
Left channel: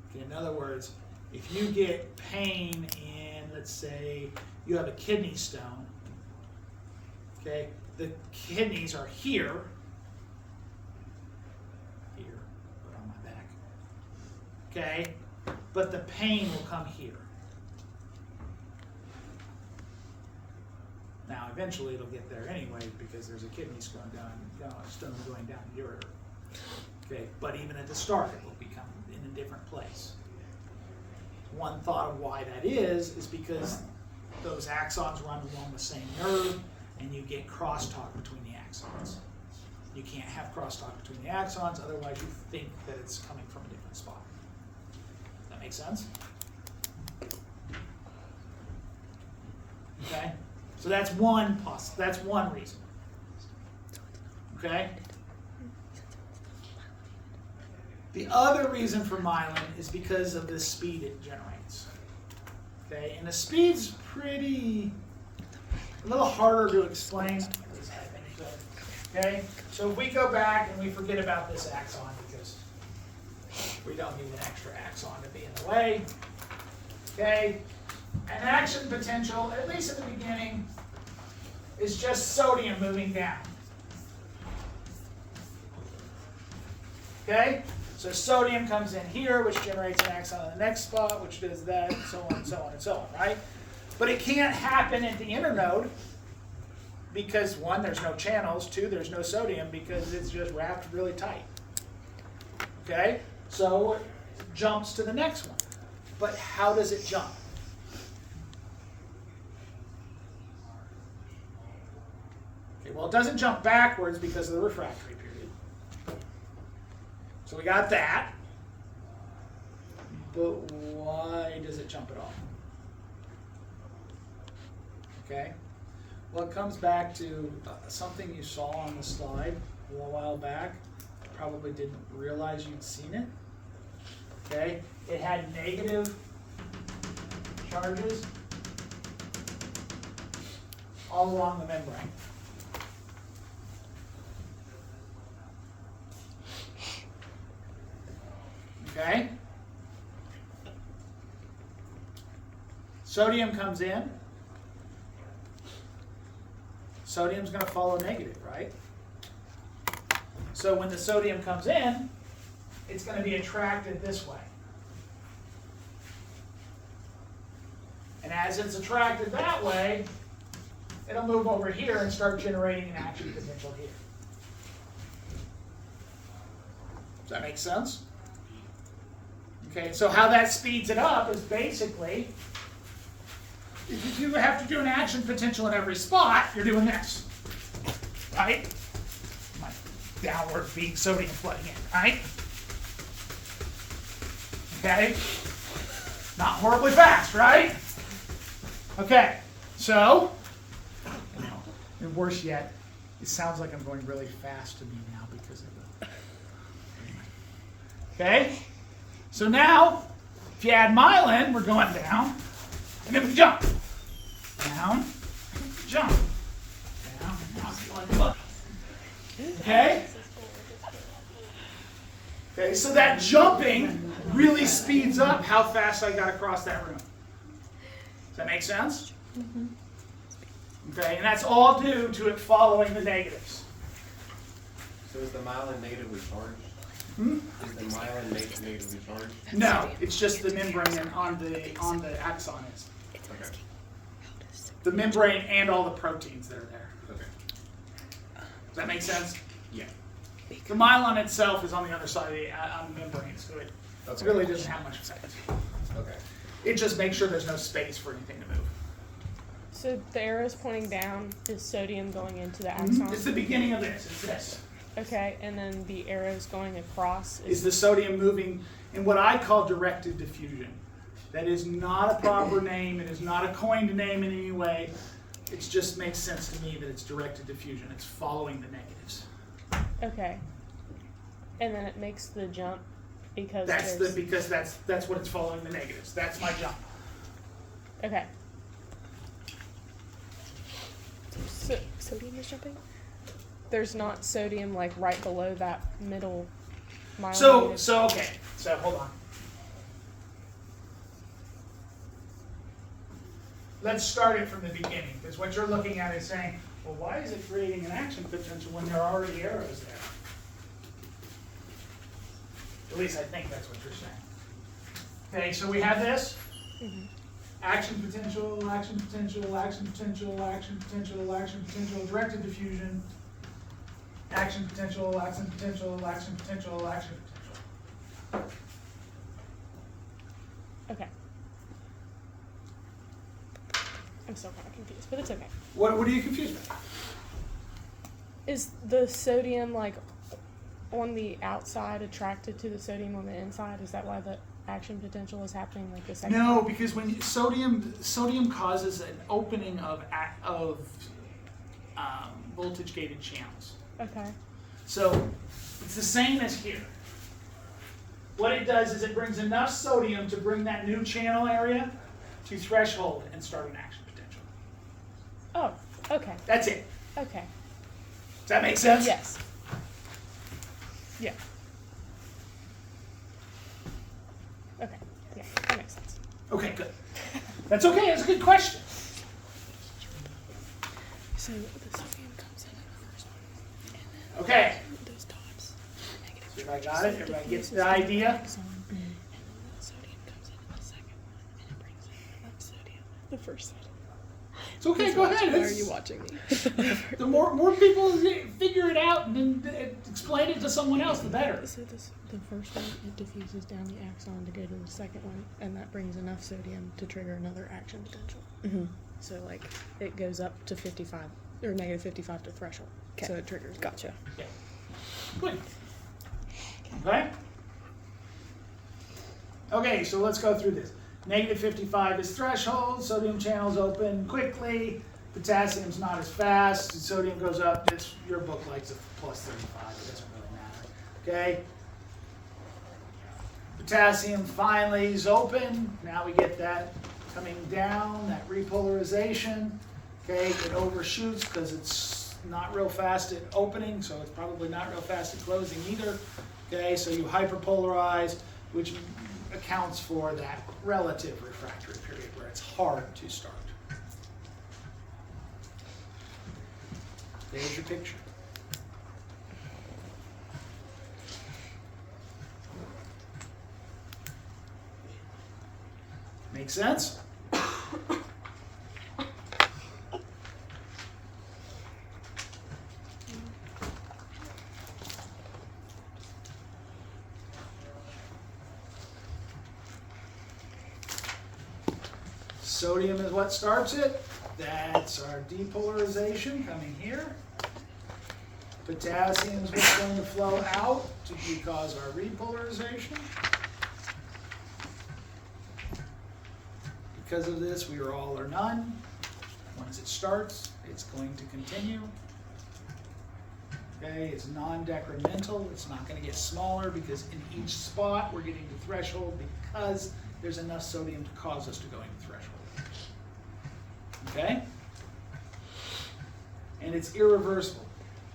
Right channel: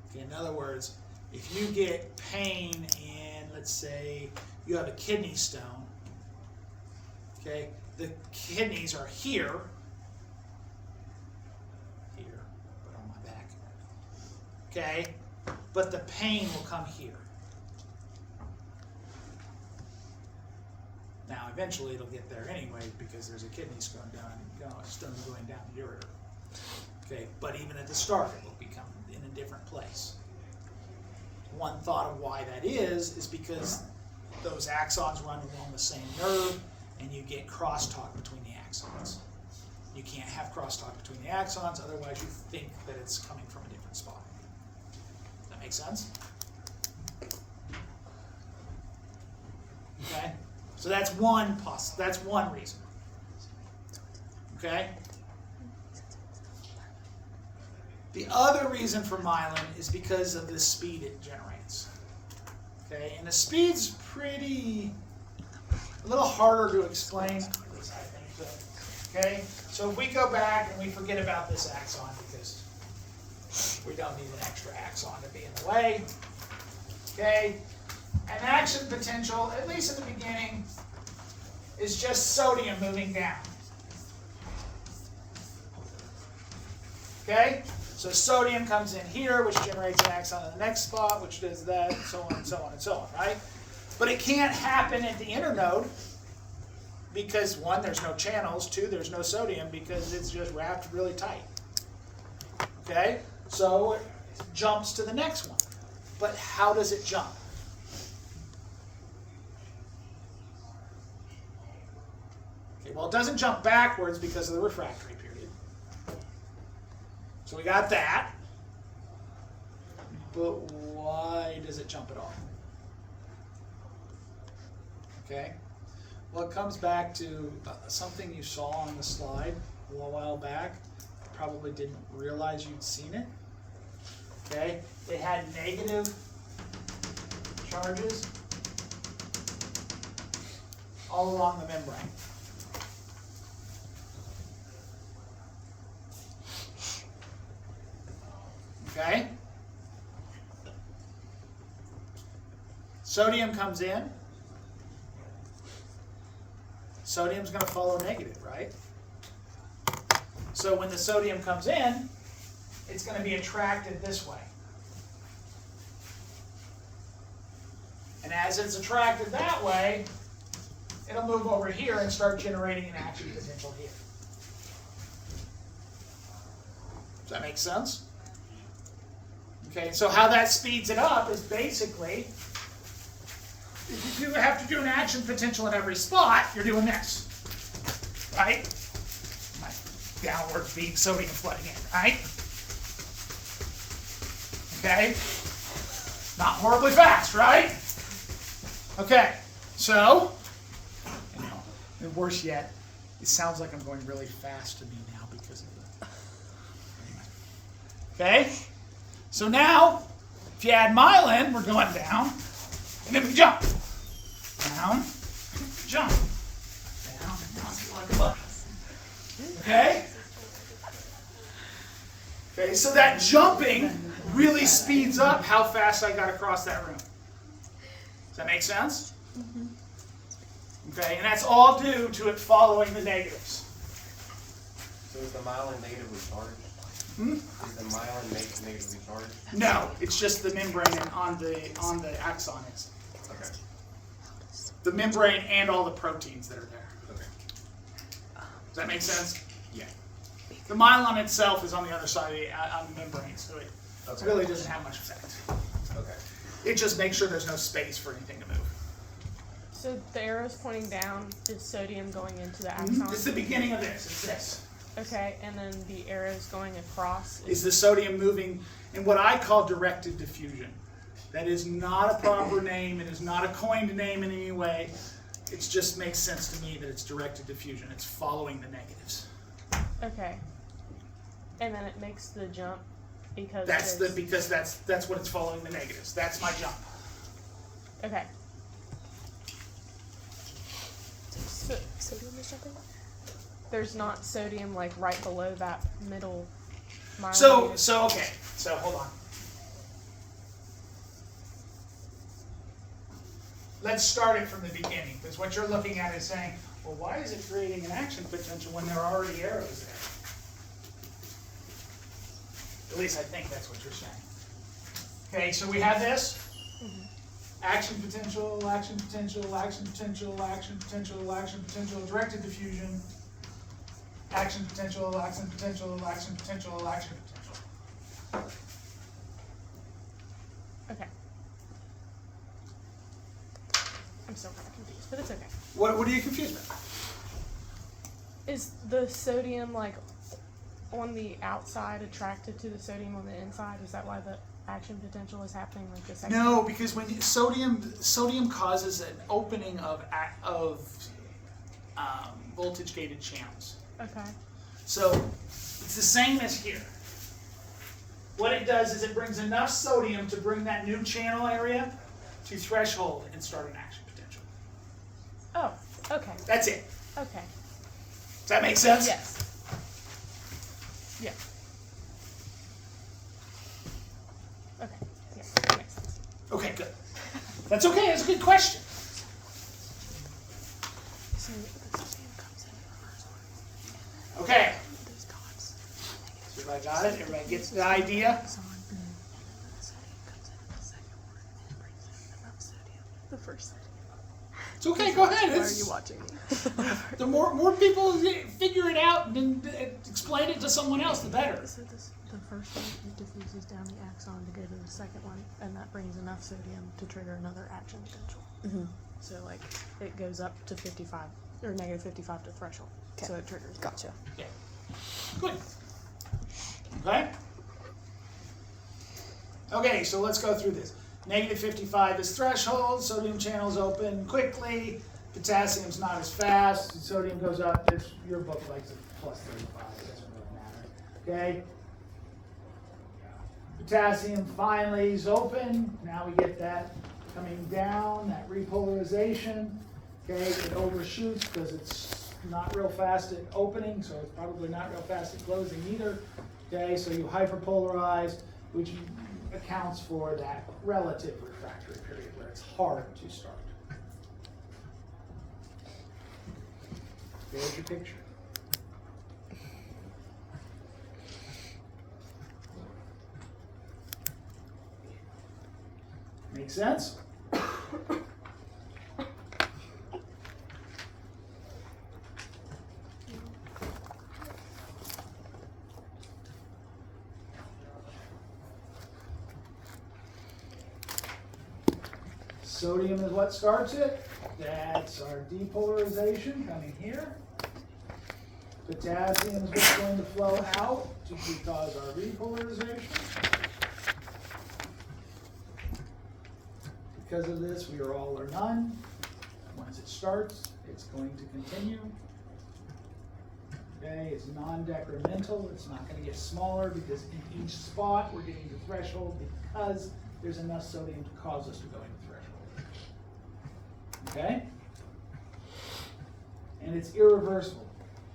Okay, in other words, if you get pain in, let's say, you have a kidney stone, okay, the kidneys are here, but on my back, okay, but the pain will come here. Now, eventually it'll get there anyway because there's a kidney stone going down the ureter. Okay, but even at the start, it will become in a different place. One thought of why that is because those axons run along the same nerve, and you get crosstalk between the axons. You can't have crosstalk between the axons, otherwise you think that it's coming from a different spot. Does that make sense? Okay? So that's one reason. Okay? The other reason for myelin is because of the speed it generates. Okay? And the speed's a little harder to explain, at least I think so. Okay? So if we go back and we forget about this axon because we don't need an extra axon to be in the way. Okay? An action potential, at least at the beginning, is just sodium moving down. Okay? So sodium comes in here, which generates an axon on the next spot, which does that, and so on and so on and so on, right? But it can't happen at the internode because, one, there's no channels, two, there's no sodium because it's just wrapped really tight. Okay? So it jumps to the next one. But how does it jump? Okay, well, it doesn't jump backwards because of the refractory period. So we got that. But why does it jump at all? Okay? Well, it comes back to something you saw on the slide a little while back. Probably didn't realize you'd seen it. Okay? It had negative charges all along the membrane. Okay? Sodium comes in. Sodium's going to follow negative, right? So when the sodium comes in, it's going to be attracted this way. And as it's attracted that way, it'll move over here and start generating an action potential here. Does that make sense? Okay, so how that speeds it up is basically, if you have to do an action potential in every spot, you're doing this, right? My downward feed sodium flooding in, right? Okay? Not horribly fast, right? Okay, so, and worse yet, it sounds like I'm going really fast to me now because of the, anyway. Okay? So now, if you add myelin, we're going down, and then we jump. Down, jump. Down, and up. Okay? Okay, so that jumping really speeds up how fast I got across that room. Does that make sense? Mm-hmm. Okay, and that's all due to it following the negatives. So is the myelin negatively charged? Hmm? Is the myelin negatively charged? No, it's just the membrane and on the axon is. Okay. The membrane and all the proteins that are there. Okay. Does that make sense? Yeah. The myelin itself is on the other side of the membrane, so it really doesn't have much effect. Okay. It just makes sure there's no space for anything to move. So the arrow's pointing down, is sodium going into the axon? It's the beginning of this. It's this. Okay, and then the arrow's going across. Is the sodium moving in what I call directed diffusion. That is not a proper name. It is not a coined name in any way. It just makes sense to me that it's directed diffusion. It's following the negatives. Okay. And then it makes the jump because because that's what it's following the negatives. That's my jump. Okay. Sodium is jumping? There's not sodium like right below that middle myelin. So okay. So hold on. Let's start it from the beginning, because what you're looking at is saying, well, why is it creating an action potential when there are already arrows there? At least I think that's what you're saying. Okay, so we have this. Mm-hmm. Action potential, action potential, action potential, action potential, action potential, directed diffusion, action potential, action potential, action potential, action potential. Okay. I'm still kind of confused, but it's okay. What are you confused about? Is the sodium like on the outside attracted to the sodium on the inside? Is that why action potential is happening like the second No, one? because when sodium causes an opening of voltage gated channels. Okay. So it's the same as here. What it does is it brings enough sodium to bring that new channel area to threshold and start an action potential. Oh, okay. That's it. Okay. Does that make sense? Yes. Yeah. Okay. Yeah, that makes sense. Okay, good. That's okay. That's a good question. So the sodium comes in the first one. Okay. Those dots. Everybody got it? Everybody gets the idea? The sodium comes in the second one and it brings in enough sodium. The first sodium. It's okay. Go ahead. Why are It's- you watching me? The more people figure it out and then explain it to someone else, the better. So the first one, it diffuses down the axon to go to the second one, and that brings enough sodium to trigger another action potential. Mm-hmm. So like it goes up to 55 or negative 55 to threshold. Okay. So it triggers. Gotcha. Yeah. Good. Okay? Okay, so let's go through this. Negative 55 is threshold, sodium channels open quickly, potassium's not as fast, sodium goes up, your book likes a plus 35, it doesn't really matter. Okay? Potassium finally is open, now we get that coming down, that repolarization. Okay, it overshoots because it's not real fast at opening, so it's probably not real fast at closing either. Okay, so you hyperpolarize, which accounts for that relative refractory period where it's hard to start. There's your picture. Make sense? Sodium is what starts it. That's our depolarization coming here. Potassium is what's going to flow out to cause our repolarization. Because of this, we are all or none. Once it starts, it's going to continue. Okay, it's non-decremental. It's not going to get smaller because in each spot we're getting to threshold because there's enough sodium to cause us to go into threshold. Okay? And it's irreversible.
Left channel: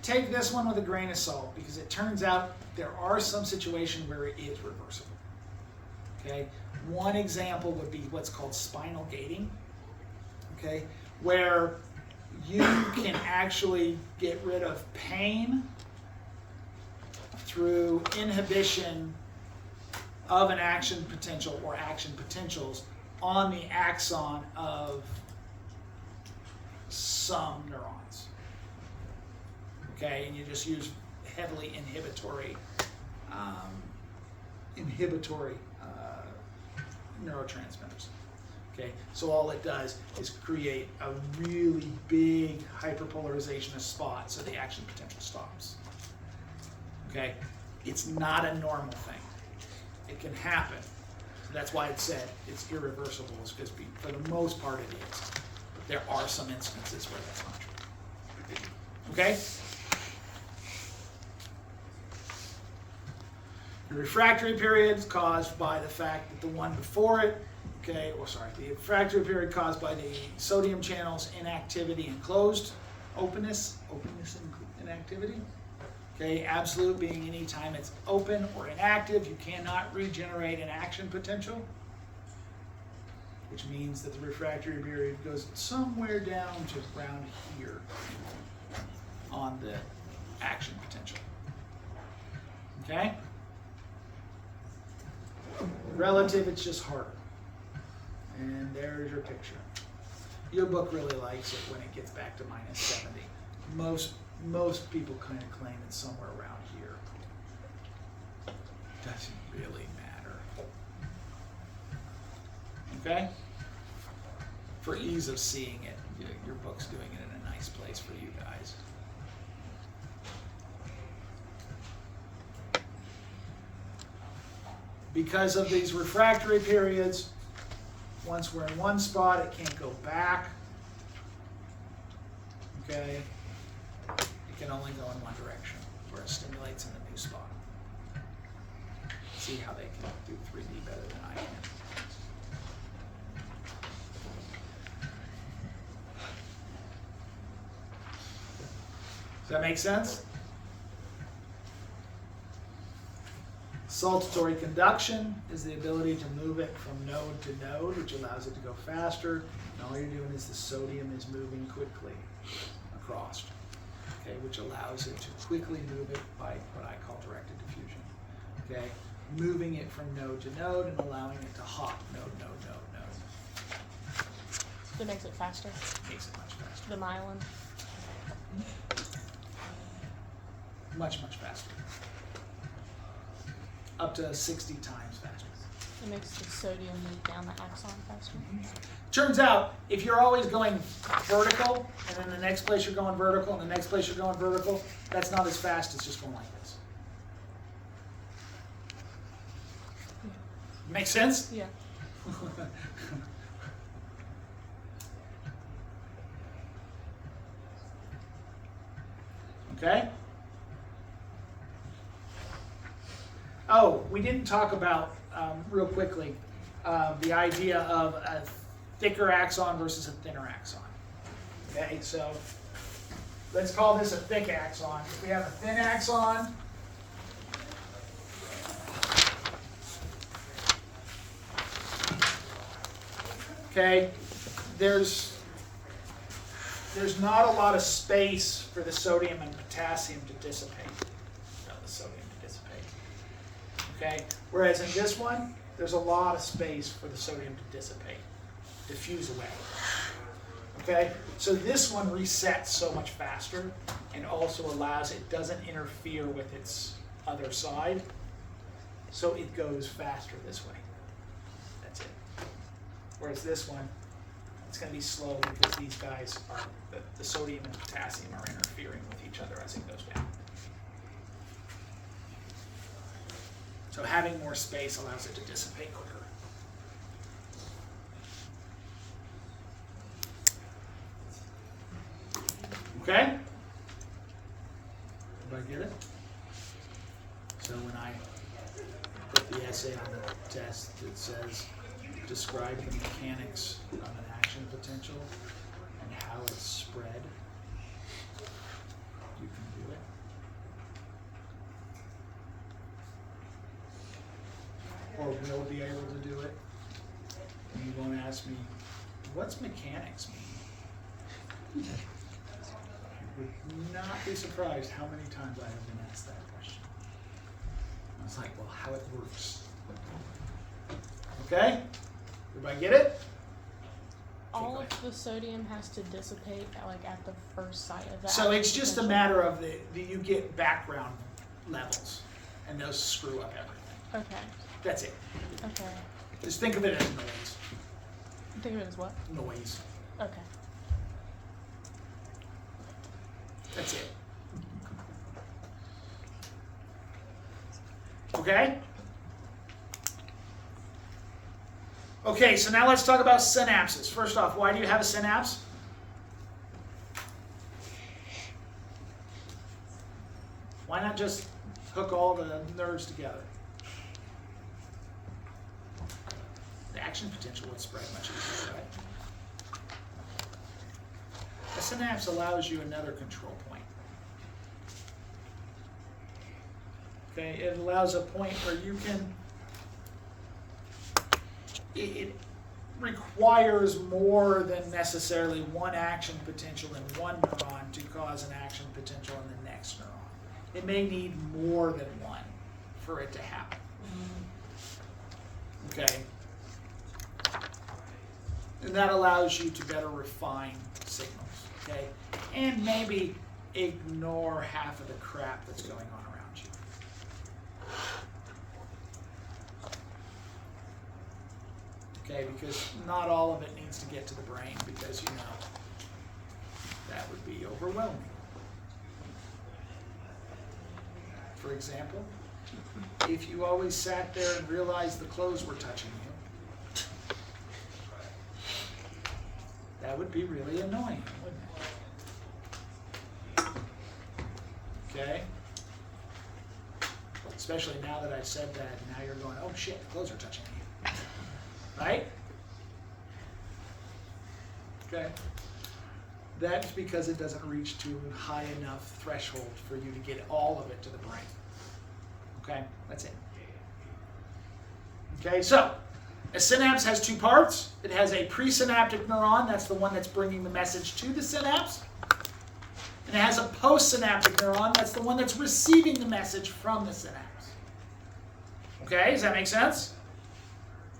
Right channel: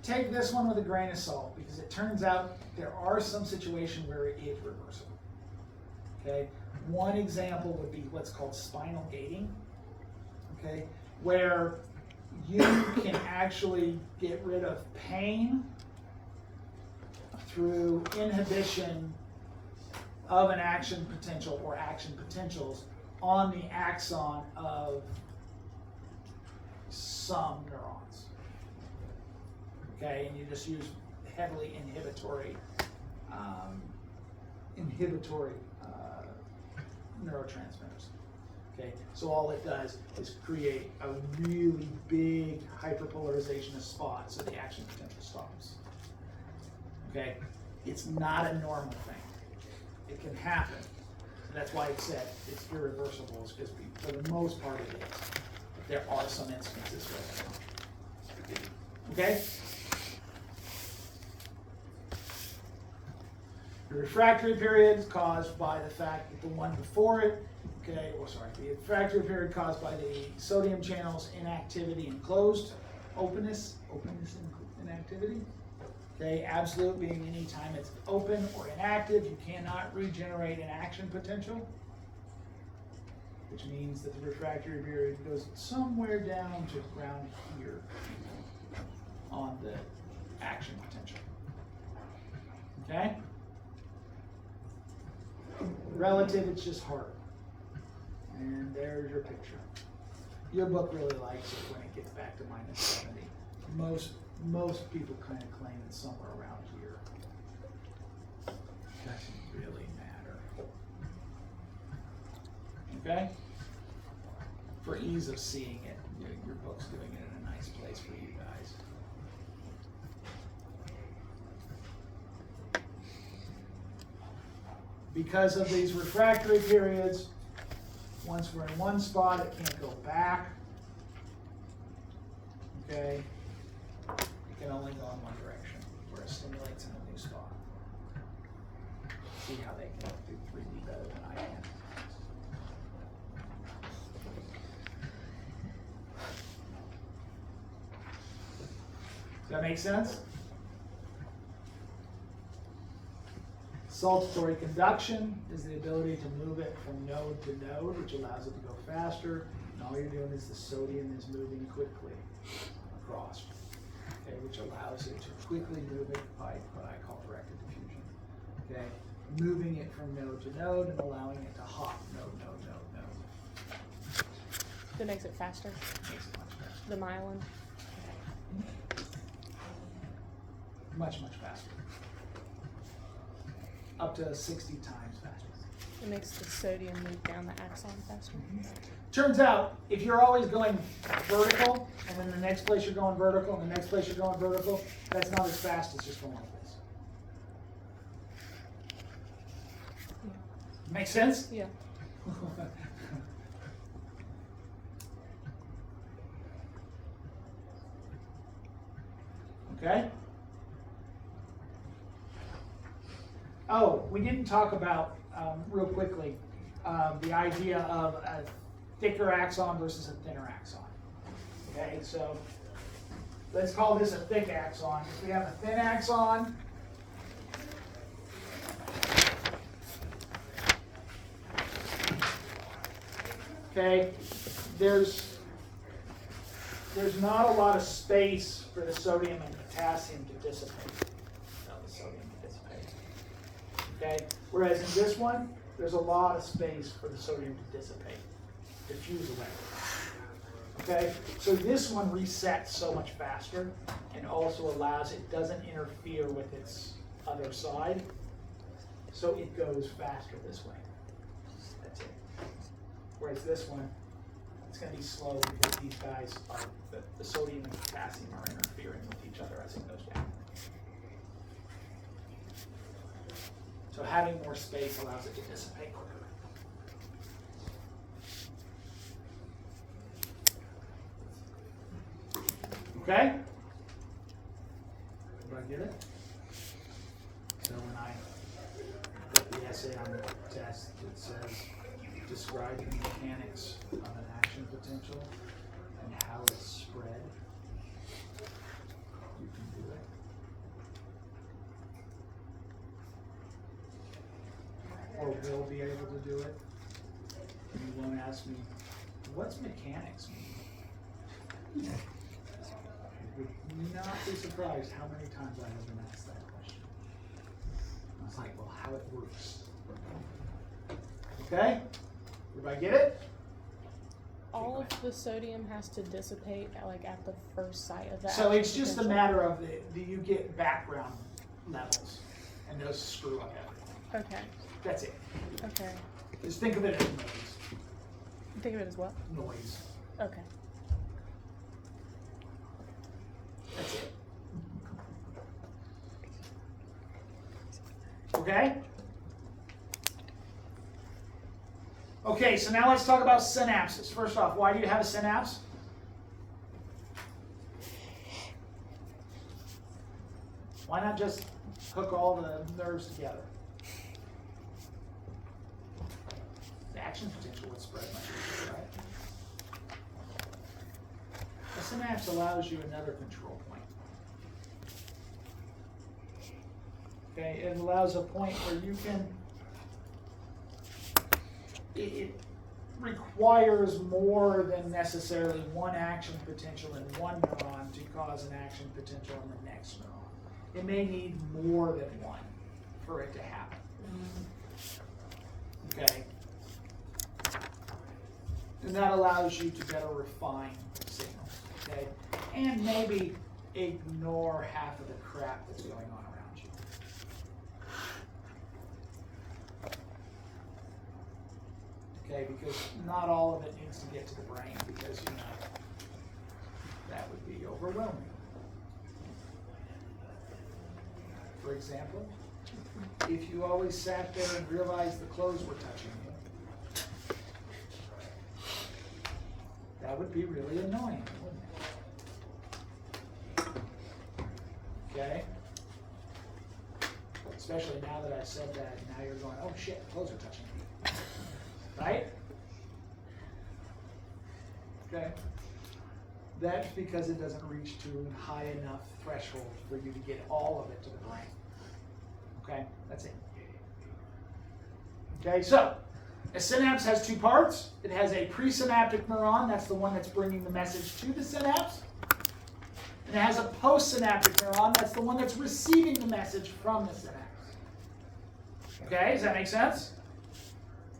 Take this one with a grain of salt because it turns out there are some situations where it is reversible. Okay? One example would be what's called spinal gating. Okay? Where you can actually get rid of pain through inhibition of an action potential or action potentials on the axon of some neurons. Okay, and you just use heavily inhibitory neurotransmitters. Okay, so all it does is create a really big hyperpolarization of spots so the action potential stops. Okay, it's not a normal thing. It can happen. So that's why it said it's irreversible, is because for the most part it is. But there are some instances where that's not true. Okay? The refractory period is caused by the fact that the one before it, okay, the refractory period caused by the sodium channels inactivity and closed, openness and inactivity. Okay, absolute being any time it's open or inactive, you cannot regenerate an action potential, which means that the refractory period goes somewhere down to around here on the action potential. Okay? Relative, it's just harder. And there's your picture. Your book really likes it when it gets back to minus 70. Most people kind of claim it's somewhere around here. Doesn't really matter. Okay? For ease of seeing it, your book's doing it in a nice place for you guys. because of these refractory periods, once we're in one spot, it can't go back. Okay? It can only go in one direction, where it stimulates in the new spot. See how they can do 3D better than I can. Does that make sense? Saltatory conduction is the ability to move it from node to node, which allows it to go faster. And all you're doing is the sodium is moving quickly across, okay, which allows it to quickly move it by what I call directed diffusion, okay, moving it from node to node and allowing it to hop node. That makes it faster. Makes it much faster. The myelin. Much faster. Up to 60 times faster. It makes the sodium move down the axon faster. Turns out, if you're always going vertical, and then the next place you're going vertical, and the next place you're going vertical, that's not as fast as just going like this. Make sense? Yeah. Okay? Oh, we didn't talk about, real quickly, the idea of a thicker axon versus a thinner axon. Okay, so let's call this a thick axon. If we have a thin axon, okay, there's not a lot of space for the sodium and potassium to dissipate. Okay, whereas in this one, there's a lot of space for the sodium to dissipate, diffuse away. Okay, so this one resets so much faster and also allows, it doesn't interfere with its other side, so it goes faster this way. That's it. Whereas this one, it's going to be slow because these guys are, the sodium and potassium are interfering with each other as it goes down. So having more space allows it to dissipate quicker. Okay? Do I get it? So when I put the essay on the test, it says, describe the mechanics of an action potential and how it's spread. You can do it. Or will be able to do it. And you won't ask me, what's mechanics mean? You would not be surprised how many times I have been asked that question. I was like, well, how it works. Okay? Everybody get it? All of the sodium has to dissipate at the first site of the So action it's just a potential. matter of you get background levels, and those screw up everything. Okay. That's it. Okay. Just think of it as noise. Think of it as what? Noise. Okay. That's it. Okay? Okay, so now let's talk about synapses. First off, why do you have a synapse? Why not just hook all the nerves together? The action potential would spread much easier, right? A synapse allows you another control point. Okay, it allows a point where you can, it requires more than necessarily one action potential in one neuron to cause an action potential in the next neuron. It may need more than one for it to happen. Okay? And that allows you to better refine signals, okay? And maybe ignore half of the crap that's going on around you. Okay, because not all of it needs to get to the brain because, that would be overwhelming. For example, if you always sat there and realized the clothes were touching you. That would be really annoying, wouldn't it? Okay? Especially now that I said that, now you're going, oh shit, the clothes are touching you. Right? Okay? That's because it doesn't reach to a high enough threshold for you to get all of it to the brain. Okay? That's it. Okay, so a synapse has two parts. It has a presynaptic neuron, that's the one that's bringing the message to the synapse. And it has a postsynaptic neuron, that's the one that's receiving the message from the synapse. Okay, does that make sense?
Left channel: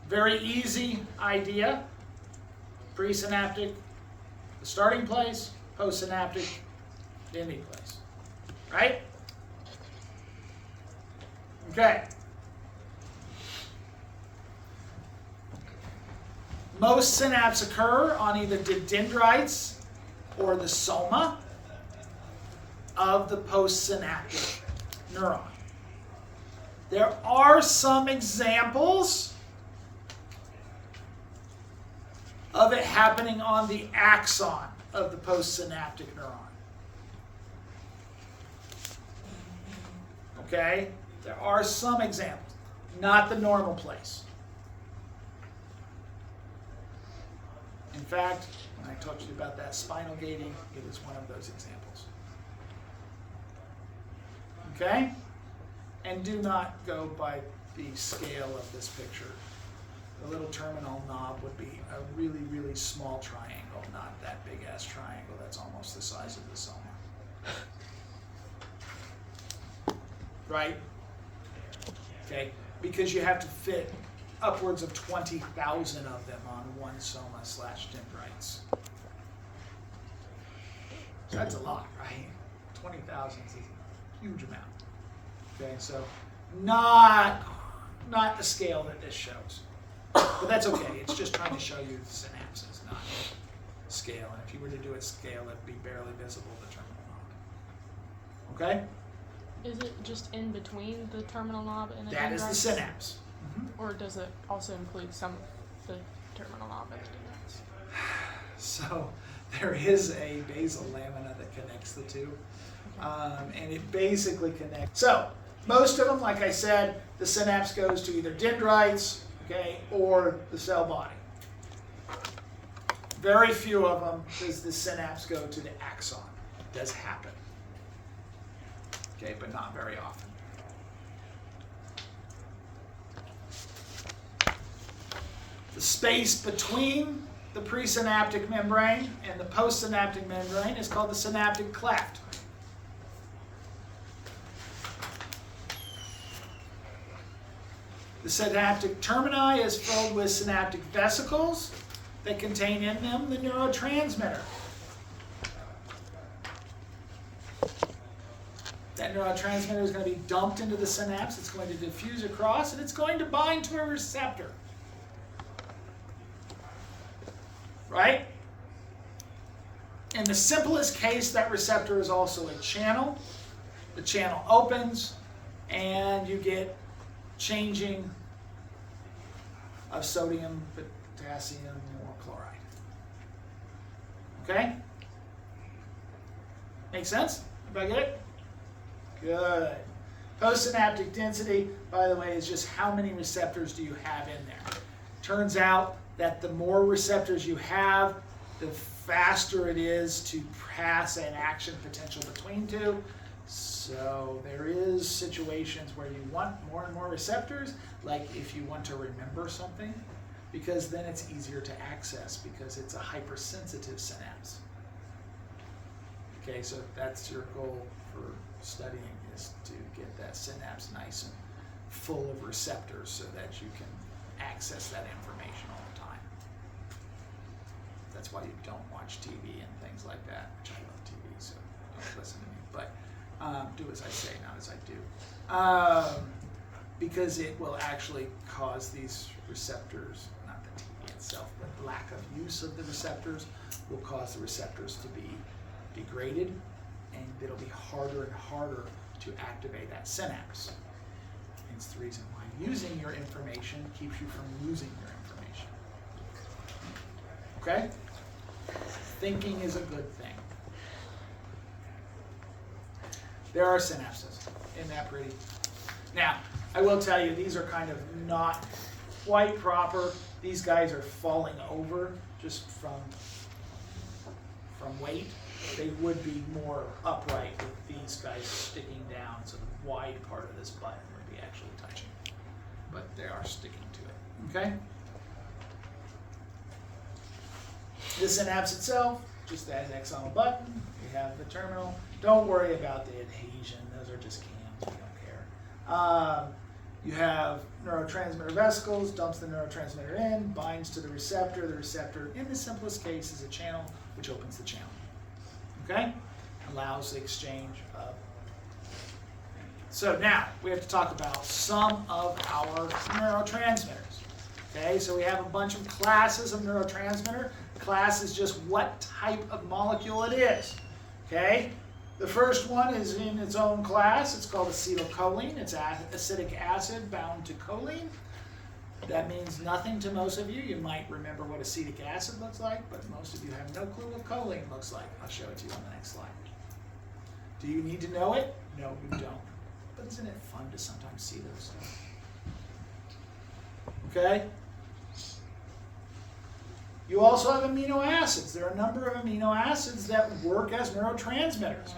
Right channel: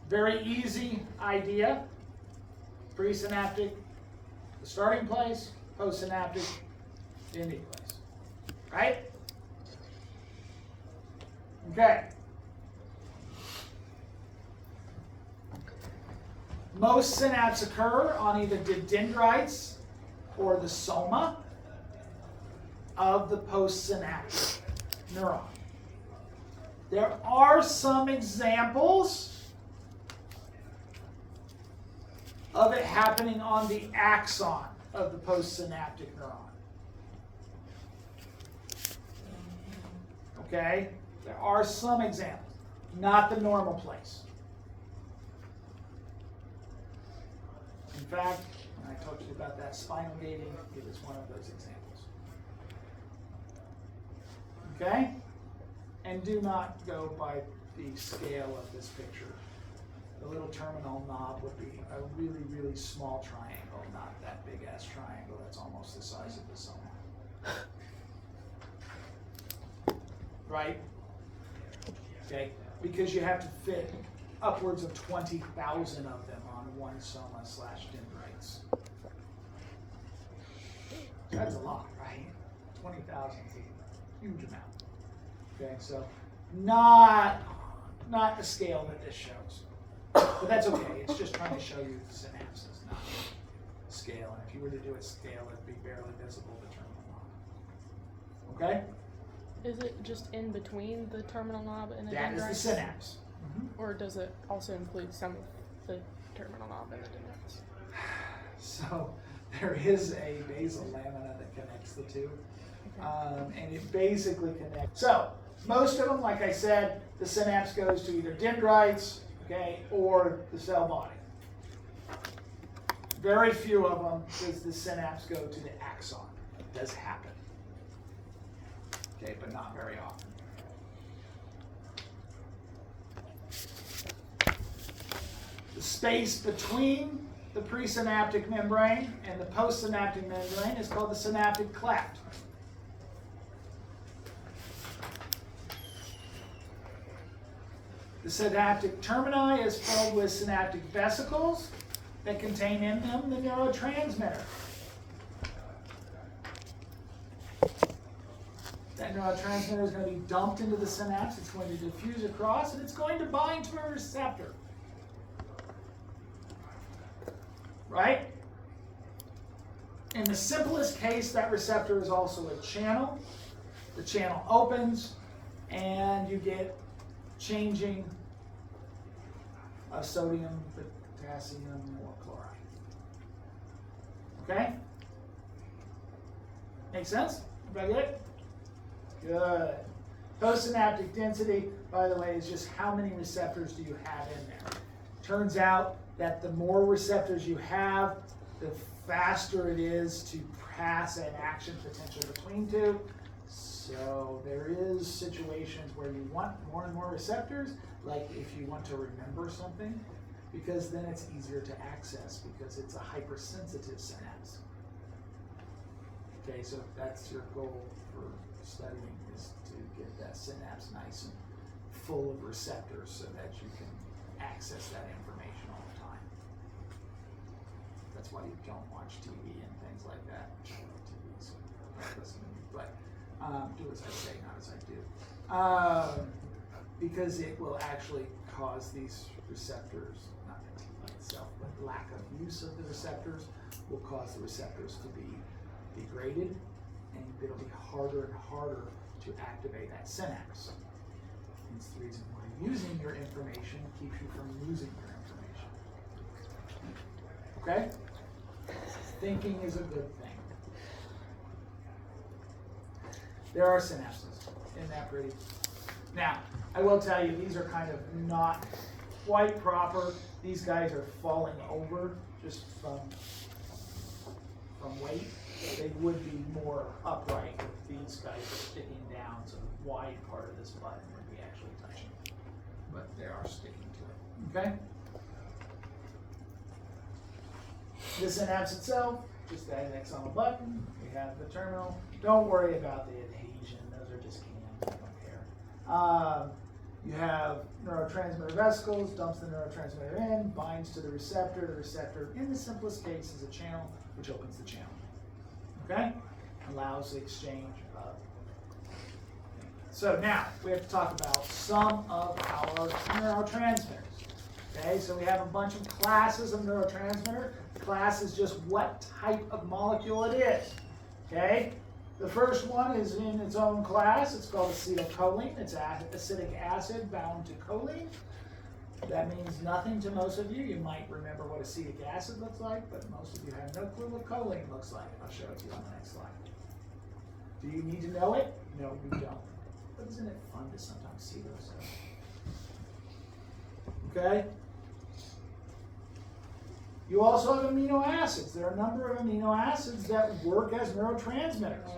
Very easy idea. Presynaptic, the starting place, postsynaptic, the ending place. Right? Okay. Most synapses occur on either the dendrites or the soma of the postsynaptic neuron. There are some examples of it happening on the axon of the postsynaptic neuron. Okay? There are some examples, not the normal place. In fact, when I talked to you about that spinal gating, it is one of those examples. Okay? And do not go by the scale of this picture. The little terminal knob would be a really, really small triangle, not that big ass triangle that's almost the size of the soma. Right? Okay? Because you have to fit upwards of 20,000 of them on one soma/dendrites. So that's a lot, right? 20,000 is a huge amount. Okay, so not the scale that this shows. But that's okay, it's just trying to show you the synapses, not scale. And if you were to do it scale, it'd be barely visible, the terminal knob. Okay? Is it just in between the terminal knob and the That is dendrites? the synapse. Or does it also include some of the terminal knob and the dendrites? So there is a basal lamina that connects the two. Okay. And it basically connects. So most of them, like I said, the synapse goes to either dendrites, okay, or the cell body. Very few of them does the synapse go to the axon. It does happen. Okay, but not very often. The space between the presynaptic membrane and the postsynaptic membrane is called the synaptic cleft. The synaptic termini is filled with synaptic vesicles that contain in them the neurotransmitter. That neurotransmitter is going to be dumped into the synapse, it's going to diffuse across, and it's going to bind to a receptor. Right? In the simplest case, that receptor is also a channel. The channel opens, and you get changing of sodium, potassium, or chloride. Okay? Make sense? Everybody get it? Good. Postsynaptic density, by the way, is just how many receptors do you have in there. Turns out that the more receptors you have, the faster it is to pass an action potential between two. So there is situations where you want more and more receptors, like if you want to remember something, because then it's easier to access because it's a hypersensitive synapse. Okay, so that's your goal for studying, is to get that synapse nice and full of receptors so that you can access that information all the time. That's why you don't watch TV and things like that, which I love TV, so don't listen to me. But do as I say, not as I do. Because it will actually cause these receptors, not the TV itself, but lack of use of the receptors will cause the receptors to be degraded, and it'll be harder and harder to activate that synapse. It's the reason why using your information keeps you from losing your information. Okay? Thinking is a good thing. There are synapses. Isn't that pretty? Now, I will tell you, these are kind of not quite proper. These guys are falling over just from weight. They would be more upright with these guys sticking down, so the wide part of this button would be actually touching. But they are sticking to it. Okay? The synapse itself, just that Axon button. You have the terminal. Don't worry about the adhesion. Those are just cams. I don't care. You have neurotransmitter vesicles, dumps the neurotransmitter in, binds to the receptor. The receptor, in the simplest case, is a channel which opens the channel. Okay? Allows the exchange of. So now, we have to talk about some of our neurotransmitters. Okay, so we have a bunch of classes of neurotransmitter. Class is just what type of molecule it is. Okay? The first one is in its own class. It's called acetylcholine. It's acetic acid bound to choline. That means nothing to most of you. You might remember what acetic acid looks like, but most of you have no clue what choline looks like. I'll show it to you on the next slide. Do you need to know it? No, you don't. But isn't it fun to sometimes see those stuff? Okay? You also have amino acids. There are a number of amino acids that work as neurotransmitters.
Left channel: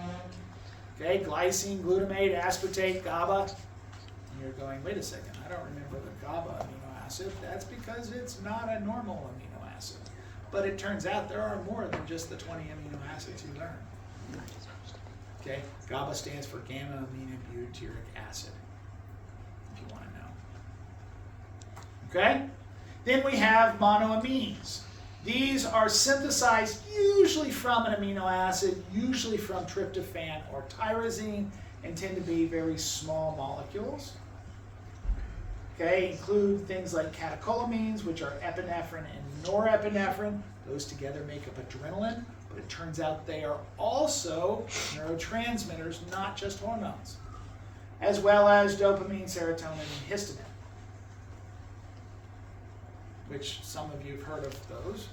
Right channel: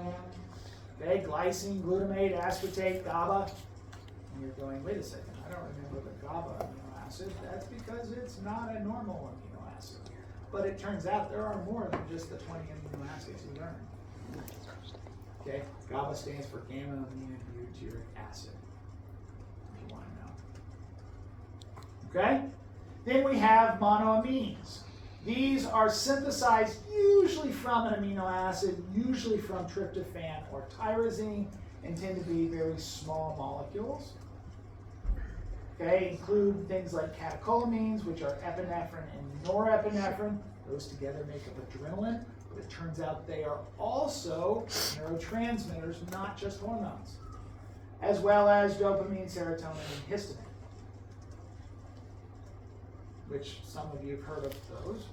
Okay, glycine, glutamate, aspartate, GABA. And you're going, wait a second, I don't remember the GABA amino acid. That's because it's not a normal amino acid. But it turns out there are more than just the 20 amino acids you learn. Okay, GABA stands for gamma-aminobutyric acid, if you want to know. Okay, then we have monoamines. These are synthesized usually from an amino acid, usually from tryptophan or tyrosine, and tend to be very small molecules. Okay, include things like catecholamines, which are epinephrine and norepinephrine. Those together make up adrenaline, but it turns out they are also neurotransmitters, not just hormones, as well as dopamine, serotonin, and histamine, which some of you have heard of those.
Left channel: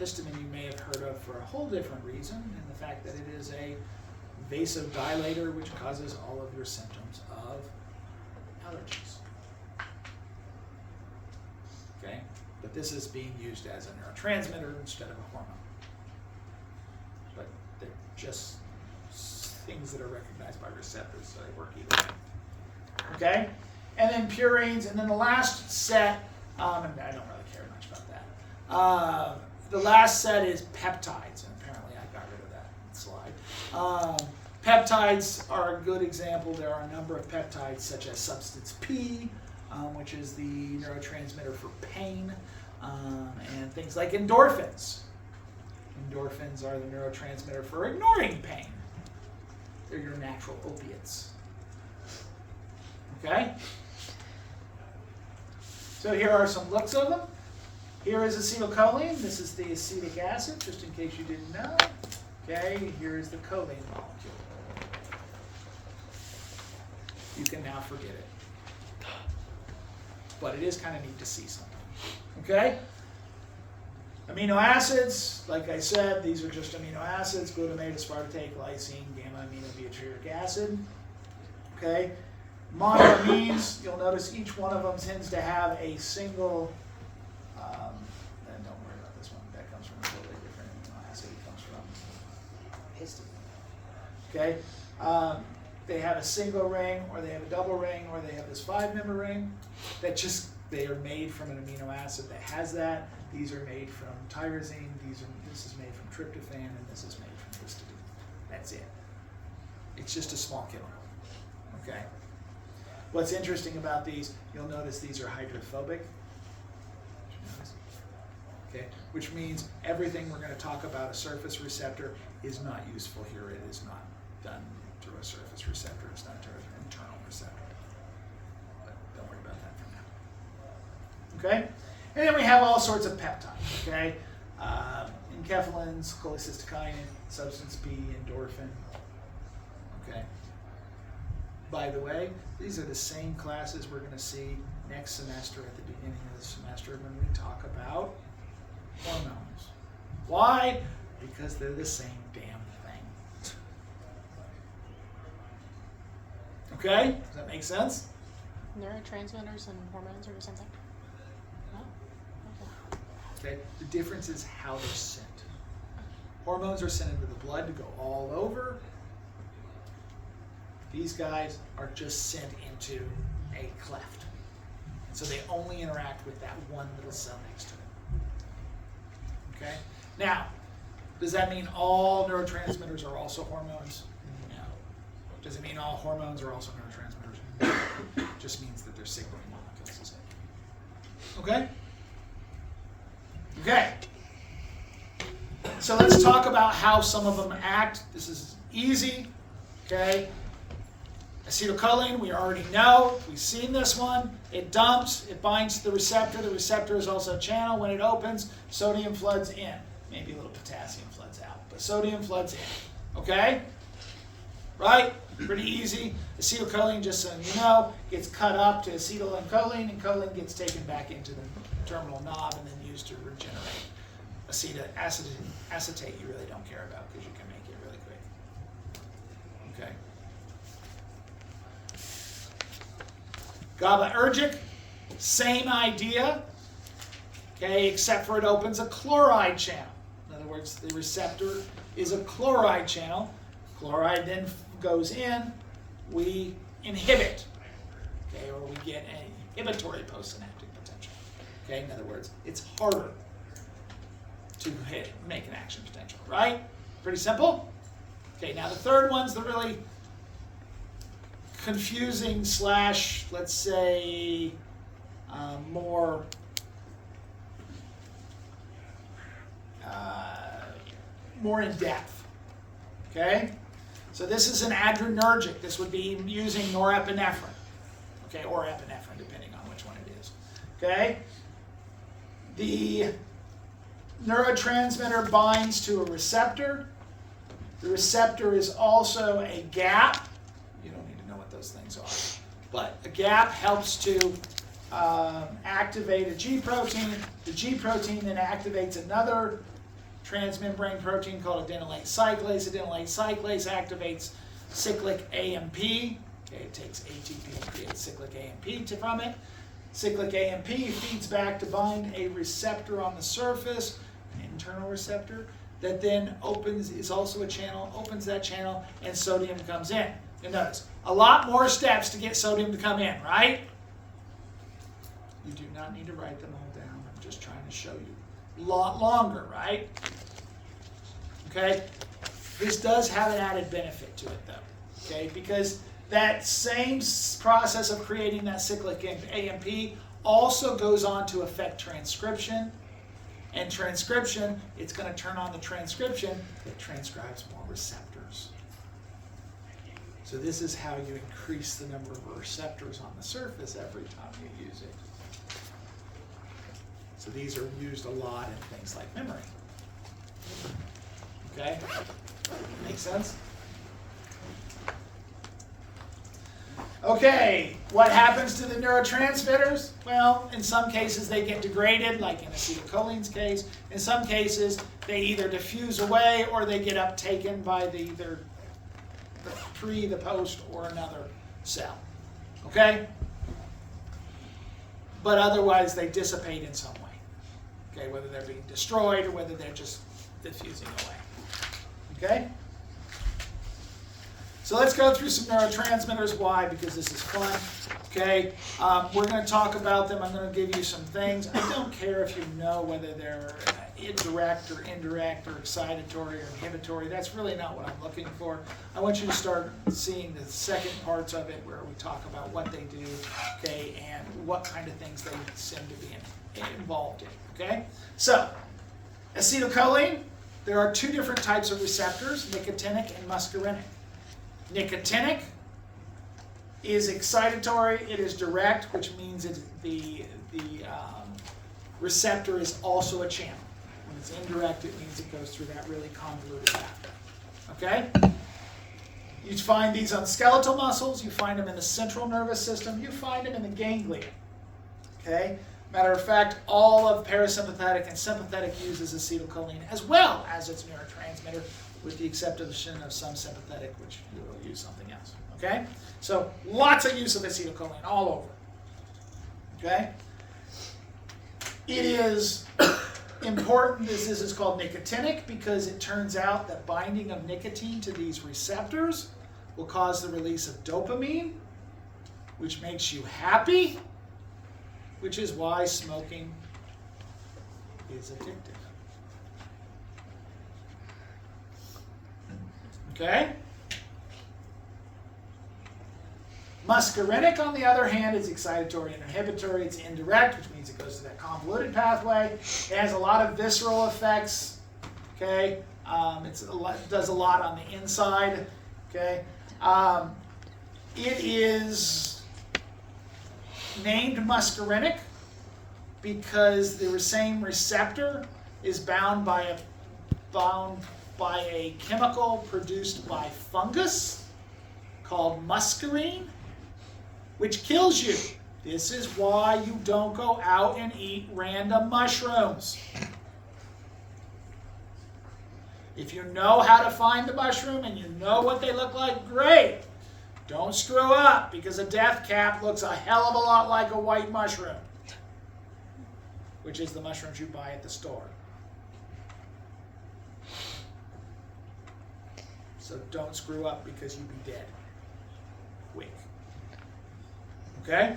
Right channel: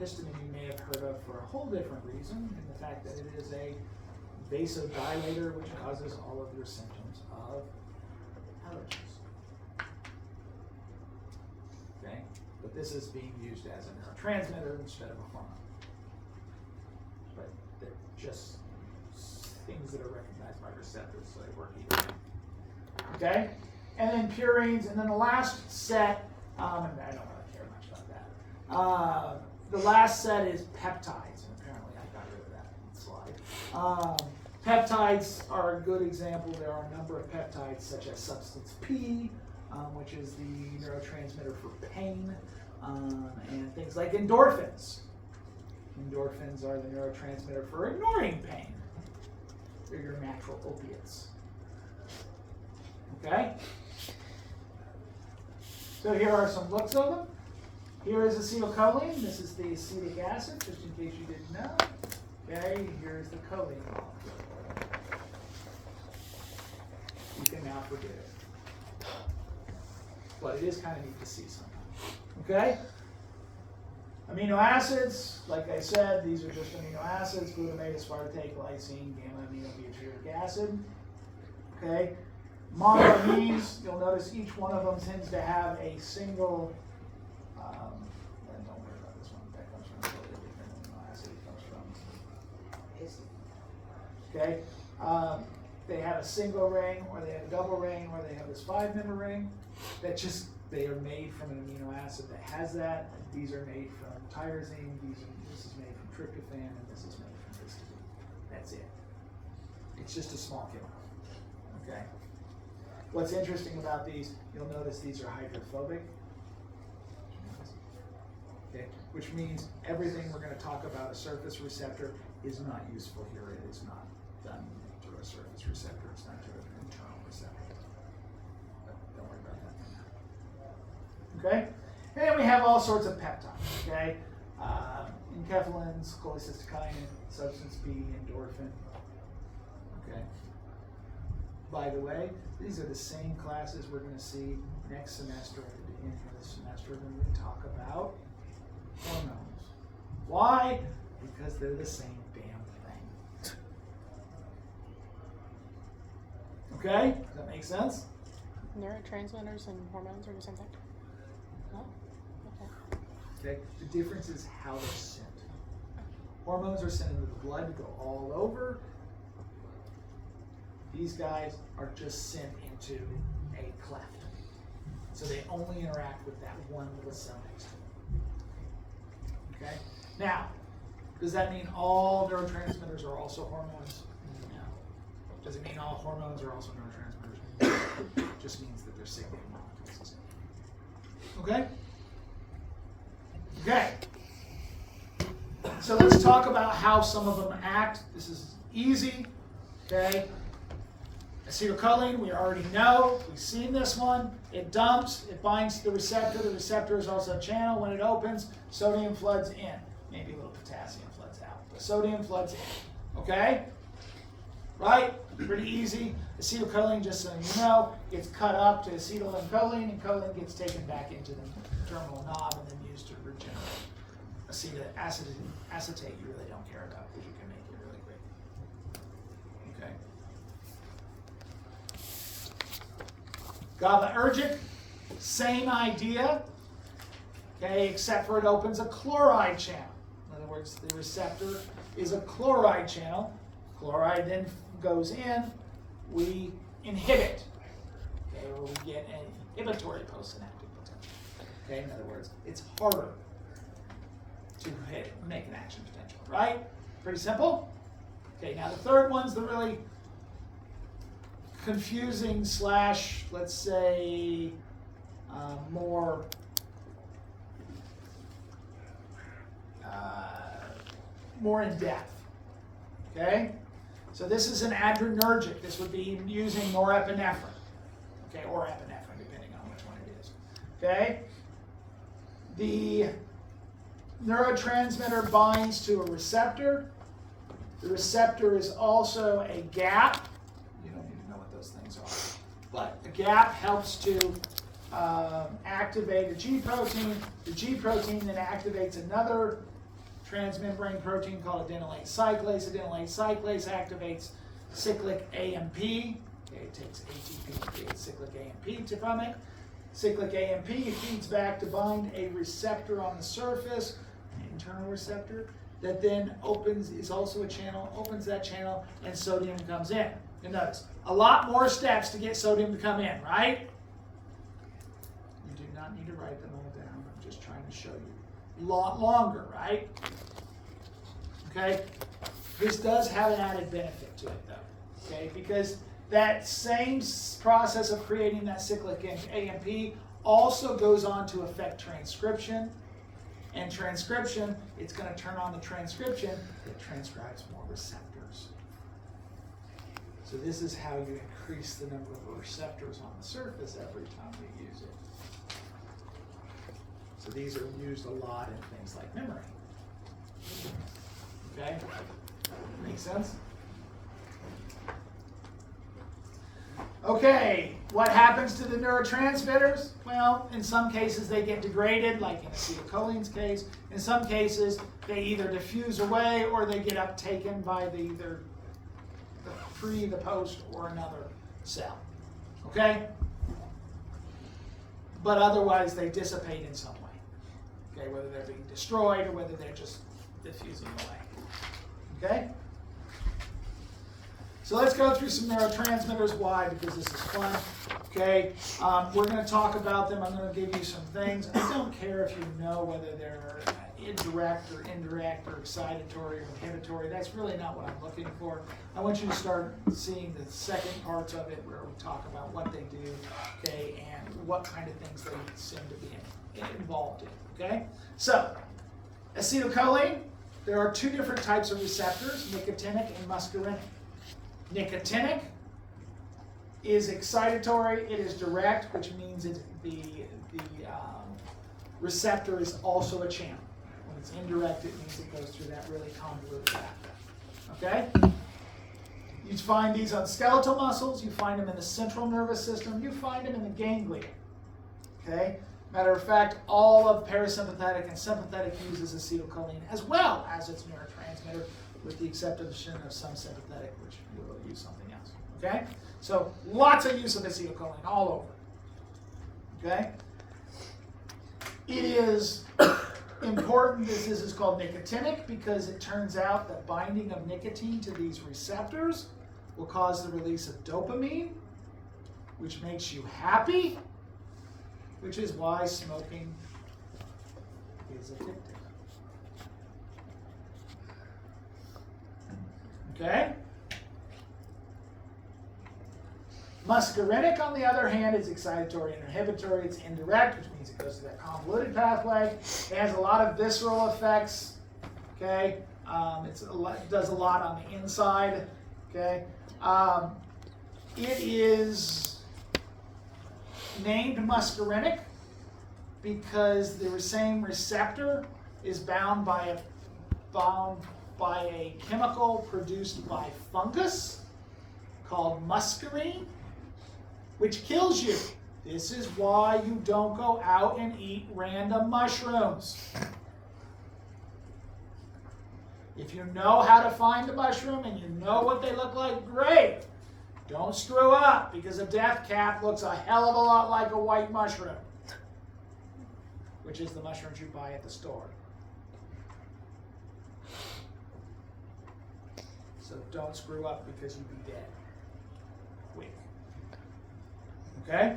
Histamine you may have heard of for a whole different reason, and the fact that it is a vasodilator which causes all of your symptoms of allergies. Okay, but this is being used as a neurotransmitter instead of a hormone. But they're just things that are recognized by receptors, so they work either way. Okay, and then purines, and then the last set. And I don't really care much about that. The last set is peptides, and apparently I got rid of that slide. Peptides are a good example. There are a number of peptides, such as substance P, which is the neurotransmitter for pain, and things like endorphins. Endorphins are the neurotransmitter for ignoring pain. They're your natural opiates. Okay? So here are some looks of them. Here is acetylcholine. This is the acetic acid, just in case you didn't know. Okay, here is the choline molecule. You can now forget it. But it is kind of neat to see something. Okay? Amino acids, like I said, these are just amino acids: glutamate, aspartate, glycine, gamma-aminobutyric acid. Okay? Monoamines, you'll notice each one of them tends to have a single, and don't worry about this one, that comes from a totally different amino acid. It comes from histamine. Okay? They have a single ring, or they have a double ring, or they have this 5-member ring. That just, they are made from an amino acid that has that. These are made from tyrosine, this is made from tryptophan, and this is made from histamine. That's it. It's just a small chemical. Okay? What's interesting about these, you'll notice these are hydrophobic. Okay, which means everything we're going to talk about a surface receptor is not useful here. It is not done through a surface receptor. It's not through an internal receptor. But don't worry about that for now. Okay, and then we have all sorts of peptides. Okay, enkephalins, cholecystokinin, substance P, endorphin. Okay. by the way, these are the same classes we're going to see next semester at the beginning of the semester when we talk about hormones. Why? Because they're the same damn thing. Okay? Does that make sense? Neurotransmitters and hormones are the same thing? No? Okay. Okay? The difference is how they're sent. Hormones are sent into the blood to go all over. These guys are just sent into a cleft. So they only interact with that one little cell next to it. Okay? Now, does that mean all neurotransmitters are also hormones? No. Does it mean all hormones are also neurotransmitters? No. It just means that they're signaling molecules. Okay? Okay. So let's talk about how some of them act. This is easy. Okay? Acetylcholine, we already know. We've seen this one. It dumps. It binds to the receptor. The receptor is also a channel. When it opens, sodium floods in. Maybe a little potassium floods out, but sodium floods in. Okay? Right? Pretty easy. Acetylcholine, just so you know, gets cut up to acetyl and choline gets taken back into the terminal knob and then used to regenerate. Acetate you really don't care about because you can make it really quick. Okay? GABAergic, same idea, okay, except for it opens a chloride channel. In other words, the receptor is a chloride channel. Chloride then goes in, we inhibit, okay, or we get an inhibitory postsynaptic potential. Okay, in other words, it's harder to make an action potential, right? Pretty simple. Okay, now the third one's the really confusing slash, let's say, more in depth. Okay, so this is an adrenergic. This would be using norepinephrine, okay, or epinephrine, depending on which one it is. Okay, the neurotransmitter binds to a receptor. The receptor is also a gap. You don't need to know what those things are. But a gap helps to activate a G protein. The G protein then activates another transmembrane protein called adenylate cyclase. Adenylate cyclase activates cyclic AMP. Okay, it takes ATP to create cyclic AMP from it. Cyclic AMP feeds back to bind a receptor on the surface, an internal receptor, that then is also a channel, opens that channel, and sodium comes in. And notice, a lot more steps to get sodium to come in, right? You do not need to write them all down. I'm just trying to show you. A lot longer, right? Okay? This does have an added benefit to it, though. Okay? Because that same process of creating that cyclic AMP also goes on to affect transcription. And transcription, it's going to turn on the transcription that transcribes more receptors. So this is how you increase the number of receptors on the surface every time you use it. So these are used a lot in things like memory. Okay? Make sense? Okay, what happens to the neurotransmitters? Well, in some cases they get degraded, like in acetylcholine's case. In some cases, they either diffuse away or they get uptaken by either the pre, the post, or another cell. Okay? But otherwise, they dissipate in some way. Okay, whether they're being destroyed or whether they're just diffusing away. Okay? So let's go through some neurotransmitters. Why? Because this is fun. Okay, we're going to talk about them. I'm going to give you some things. I don't care if you know whether they're direct or indirect or excitatory or inhibitory. That's really not what I'm looking for. I want you to start seeing the second parts of it where we talk about what they do, okay, and what kind of things they seem to be involved in. Okay, so acetylcholine. There are two different types of receptors: nicotinic and muscarinic. Nicotinic is excitatory, it is direct, which means the receptor is also a channel. When it's indirect, it means it goes through that really convoluted pathway. Okay? You find these on skeletal muscles, you find them in the central nervous system, you find them in the ganglia. Okay? Matter of fact, all of parasympathetic and sympathetic uses acetylcholine as well as its neurotransmitter, with the exception of some sympathetic, which will use something else. Okay? So lots of use of acetylcholine all over. Okay? It is important, this is called nicotinic, because it turns out that binding of nicotine to these receptors will cause the release of dopamine, which makes you happy, which is why smoking is addictive. Okay? Muscarinic, on the other hand, is excitatory and inhibitory. It's indirect, which means it goes to that convoluted pathway. It has a lot of visceral effects. Okay, it does a lot on the inside. Okay, it is named muscarinic because the same receptor is bound by a chemical produced by fungus called muscarine, which kills you. This is why you don't go out and eat random mushrooms. If you know how to find the mushroom and you know what they look like, great. Don't screw up, because a death cap looks a hell of a lot like a white mushroom, which is the mushrooms you buy at the store. So don't screw up, because you'd be dead. Quick. Okay?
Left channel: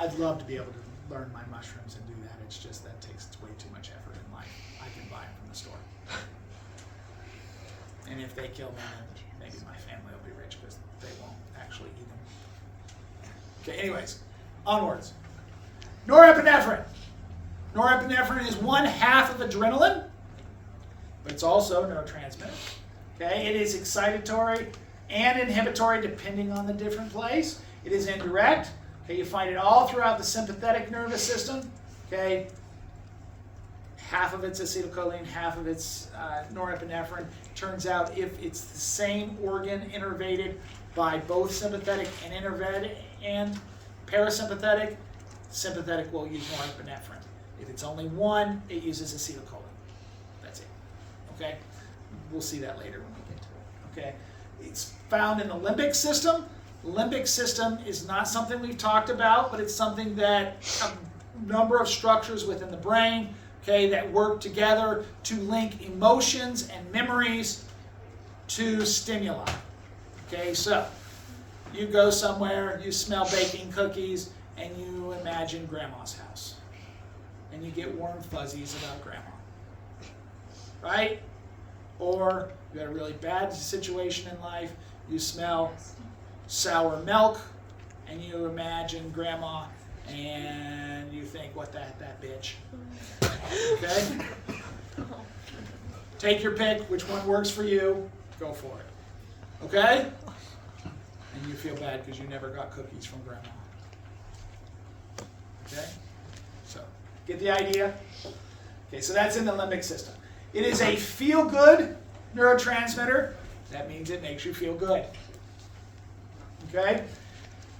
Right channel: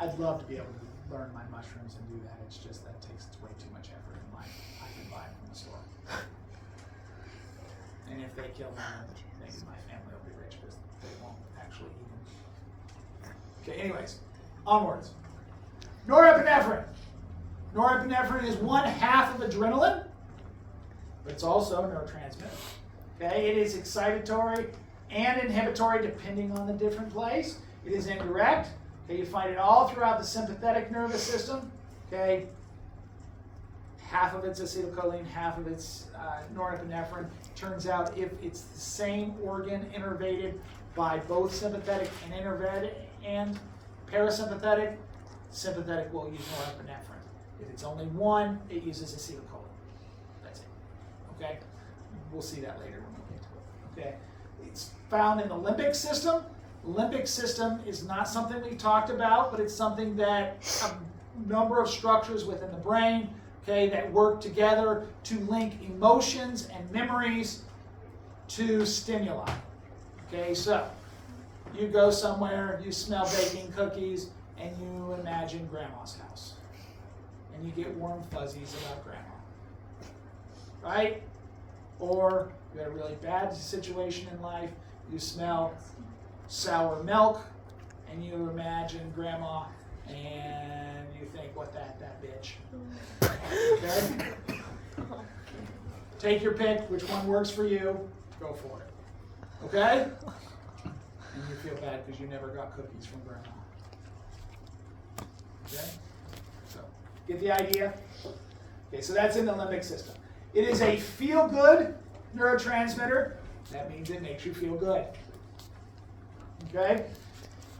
I'd love to be able to learn my mushrooms and do that. It's just that takes way too much effort in life. I can buy them from the store. And if they kill them, maybe my family will be rich, because they won't actually eat them. Okay, anyways, onwards. Norepinephrine. Norepinephrine is 1/2 of adrenaline, but it's also a neurotransmitter. Okay, it is excitatory and inhibitory depending on the different place. It is indirect. Okay, you find it all throughout the sympathetic nervous system. Okay, 1/2 of it's acetylcholine, 1/2 of it's norepinephrine. Turns out if it's the same organ innervated by both sympathetic and parasympathetic, sympathetic will use norepinephrine. If it's only one, it uses acetylcholine. That's it. Okay, we'll see that later when we get to it. Okay, it's found in the limbic system. Limbic system is not something we've talked about, but it's something that a number of structures within the brain, okay, that work together to link emotions and memories to stimuli. Okay, so you go somewhere, you smell baking cookies, and you imagine grandma's house. And you get warm fuzzies about grandma. Right? Or you had a really bad situation in life, you smell sour milk, and you imagine grandma, and you think, what that bitch. Okay? Take your pick, which one works for you, go for it. Okay? And you feel bad because you never got cookies from grandma. Okay? So, get the idea? Okay, so that's in the limbic system. It is a feel-good neurotransmitter. That means it makes you feel good. Okay?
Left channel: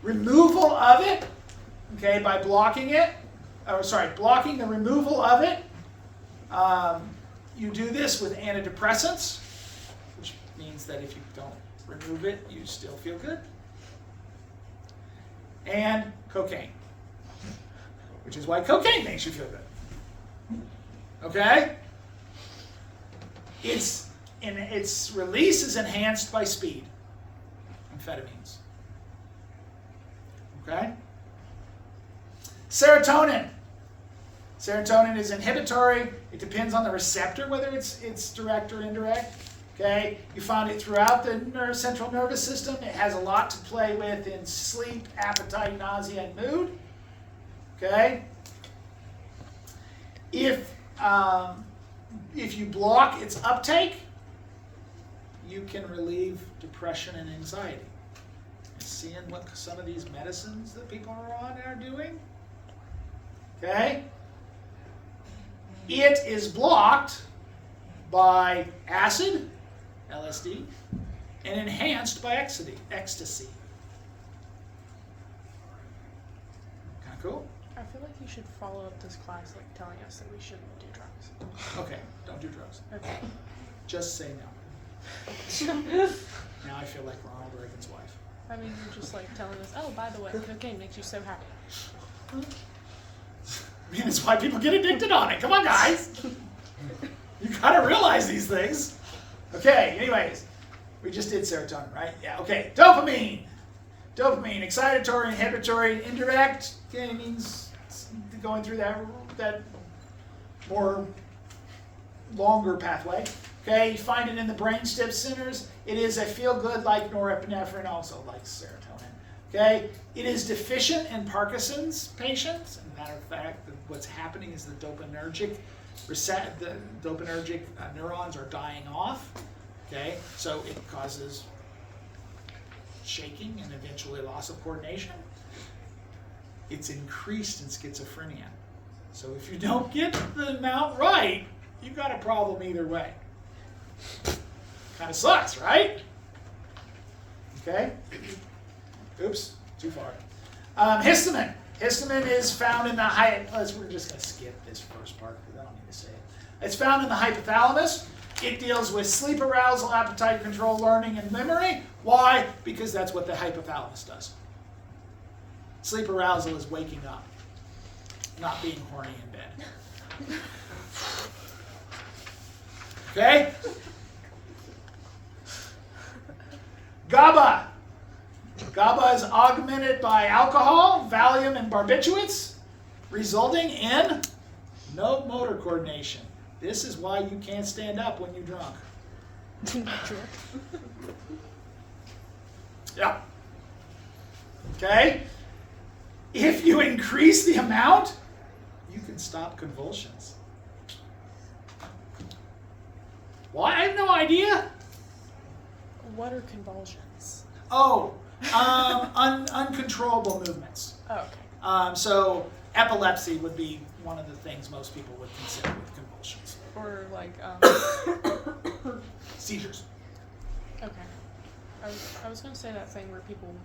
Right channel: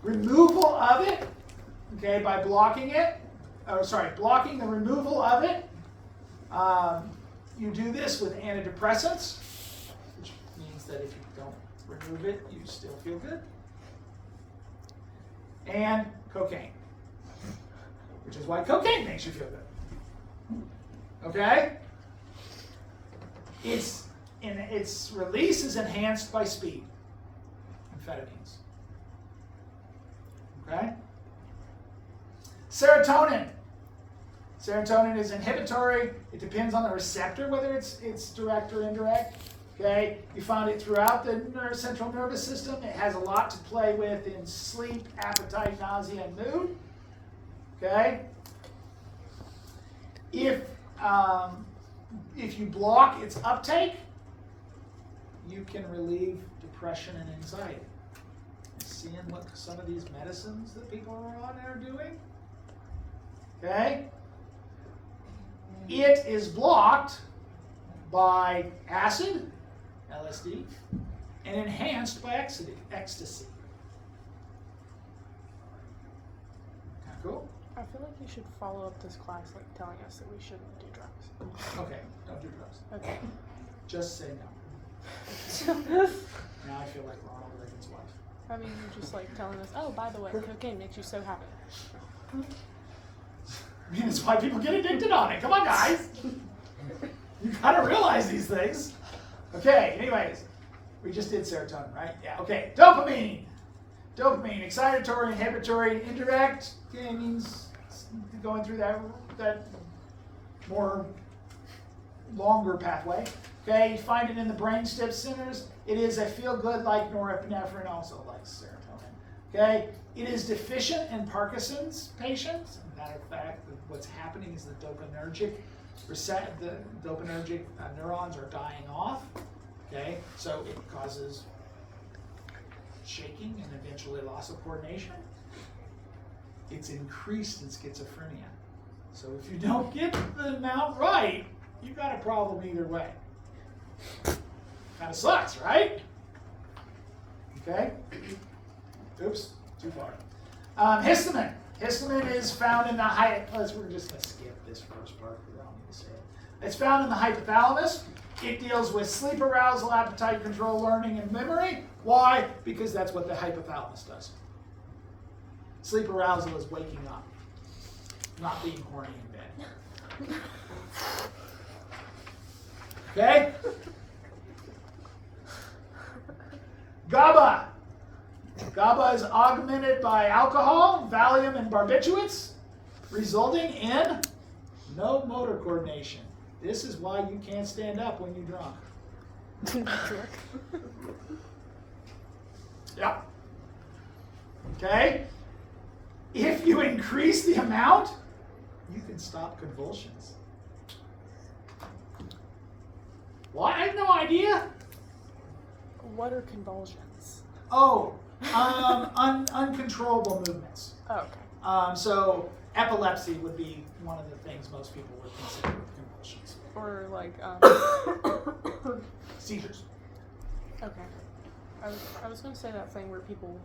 Removal of it, okay, by blocking it, blocking the removal of it. You do this with antidepressants, which means that if you don't remove it, you still feel good. And cocaine, which is why cocaine makes you feel good. Okay? Its release is enhanced by speed, amphetamines. Okay? Serotonin. Serotonin is inhibitory. It depends on the receptor, whether it's direct or indirect. Okay? You find it throughout the central nervous system. It has a lot to play with in sleep, appetite, nausea, and mood. Okay? If you block its uptake, you can relieve depression and anxiety. Seeing what some of these medicines that people are on are doing. Okay? It is blocked by acid LSD, and enhanced by ecstasy. Kind of cool? I feel like you should follow up this class like telling us that we shouldn't do drugs. Okay, don't do drugs. Okay. Just say no. Now I feel like Ronald Reagan's wife. I mean, you're just like telling us, oh, by the way, cocaine makes you so happy. I mean, it's why people get addicted on it. Come on, guys. You gotta realize these things. Okay, anyways. We just did serotonin, right? Yeah, okay. Dopamine. Dopamine, excitatory, inhibitory, indirect. Okay, means going through that more longer pathway. Okay, you find it in the brainstem centers. It is a feel-good like norepinephrine, also like serotonin. Okay, it is deficient in Parkinson's patients. As a matter of fact, what's happening is the dopaminergic neurons are dying off. Okay, so it causes shaking and eventually loss of coordination. It's increased in schizophrenia. So if you don't get the amount right, you've got a problem either way. Kind of sucks, right? Okay. Oops, too far. Histamine. Histamine is found in the we're just going to skip this first part because I don't need to say it. It's found in the hypothalamus. It deals with sleep arousal, appetite control, learning, and memory. Why? Because that's what the hypothalamus does. Sleep arousal is waking up, not being horny in bed. Okay? GABA. GABA is augmented by alcohol, Valium, and barbiturates, resulting in no motor coordination. This is why you can't stand up when you're drunk. Yeah. Okay? If you increase the amount, you can stop convulsions. Why? I have no idea. What are convulsions? Oh, uncontrollable movements. Oh, okay. So epilepsy would be one of the things most people would consider with convulsions. Or like, Seizures. okay. I was going to say that thing where people,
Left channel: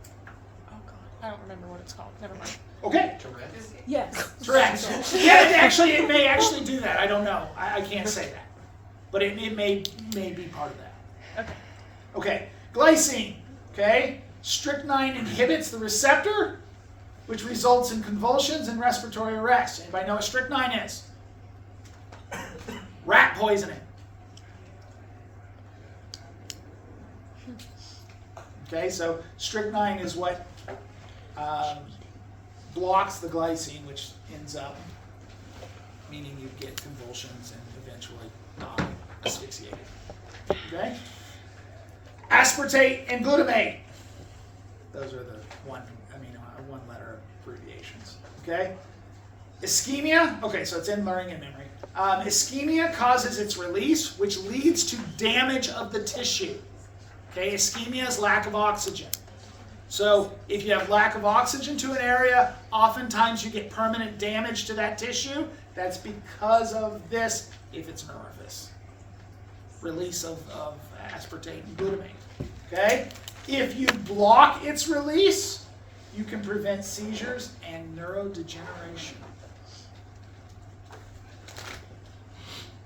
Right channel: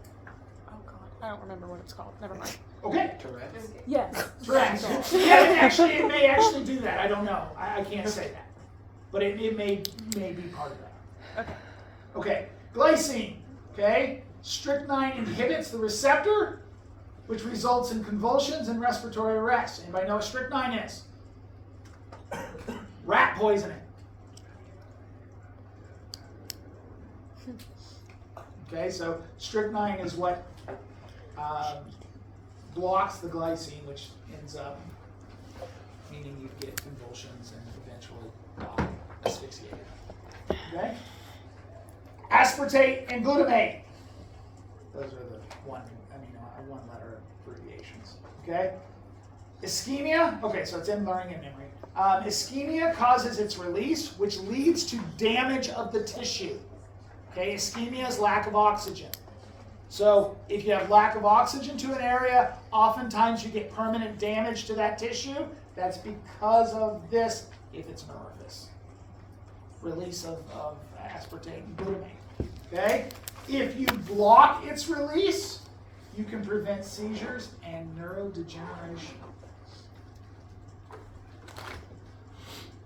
oh God, I don't remember what it's called. Never mind. Okay. Tourette's. Yes. Tourette's. Yeah, it may actually do that. I don't know. I can't say that. But it may be part of that. Okay. Okay. Glycine. Okay. Strychnine inhibits the receptor, which results in convulsions and respiratory arrest. Anybody know what strychnine is? Rat poisoning. Okay, so strychnine is what blocks the glycine, which ends up meaning you get convulsions and eventually die asphyxiated. Okay? Aspartate and glutamate. Those are the one-letter abbreviations. Okay? Ischemia. Okay, so it's in learning and memory. Ischemia causes its release, which leads to damage of the tissue. Okay, ischemia is lack of oxygen. So if you have lack of oxygen to an area, oftentimes you get permanent damage to that tissue. That's because of this, if it's nervous. Release of aspartate and glutamate. Okay? If you block its release, you can prevent seizures and neurodegeneration.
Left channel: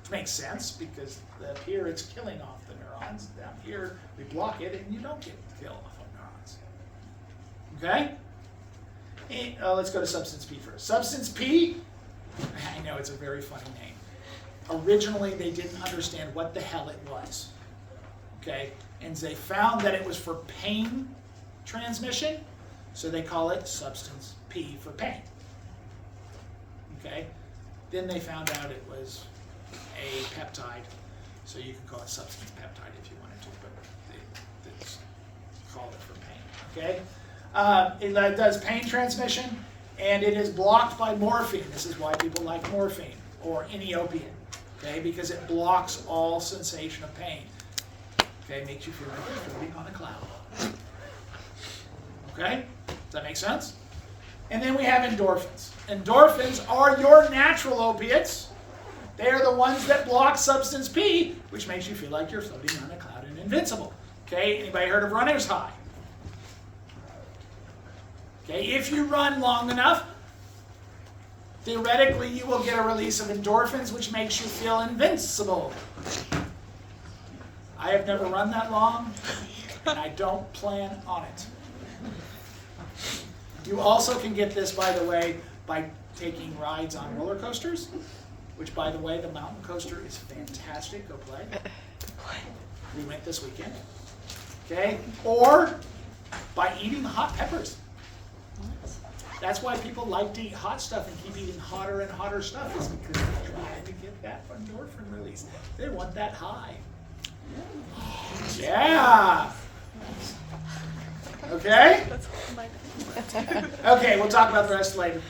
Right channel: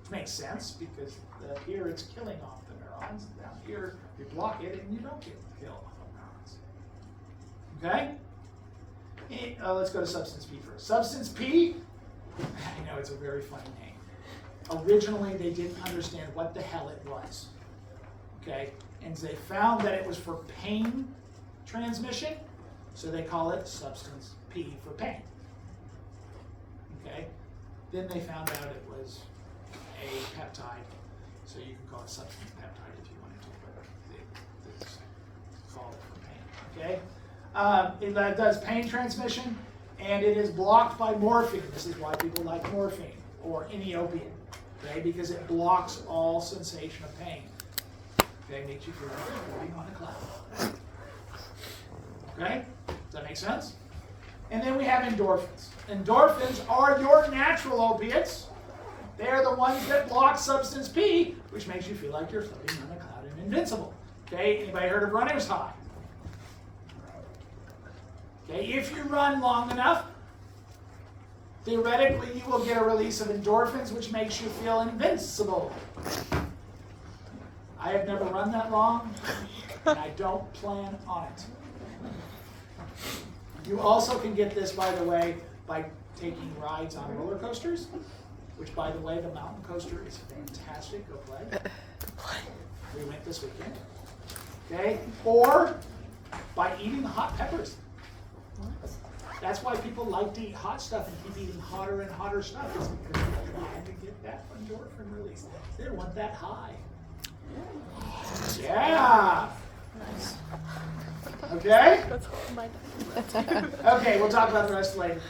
Makes sense because up here it's killing off the neurons. Down here we block it and you don't get kill off of neurons. Okay? And, let's go to substance P first. Substance P, I know it's a very funny name. Originally they didn't understand what the hell it was. Okay? And they found that it was for pain transmission, so they call it substance P for pain. Okay? Then they found out it was a peptide, so you can call it substance peptide if you wanted to, but they just call it for pain. Okay, it does pain transmission, and it is blocked by morphine. This is why people like morphine or any opiate. Okay, because it blocks all sensation of pain. Okay, makes you feel like you're floating on a cloud. Okay, does that make sense? And then we have endorphins. Endorphins are your natural opiates. They are the ones that block substance P, which makes you feel like you're floating on a cloud in an invincible. Okay, anybody heard of runner's high? Okay, if you run long enough, theoretically you will get a release of endorphins, which makes you feel invincible. I have never run that long, and I don't plan on it. You also can get this, by the way, by taking rides on roller coasters, which, by the way, the mountain coaster is fantastic. Go play. We went this weekend. Okay? Or by eating hot peppers. That's why people like to eat hot stuff and keep eating hotter and hotter stuff. It's because they're trying to get that endorphin release. They want that high. Yeah. Okay? That's oh my God. Okay, we'll talk about the rest later.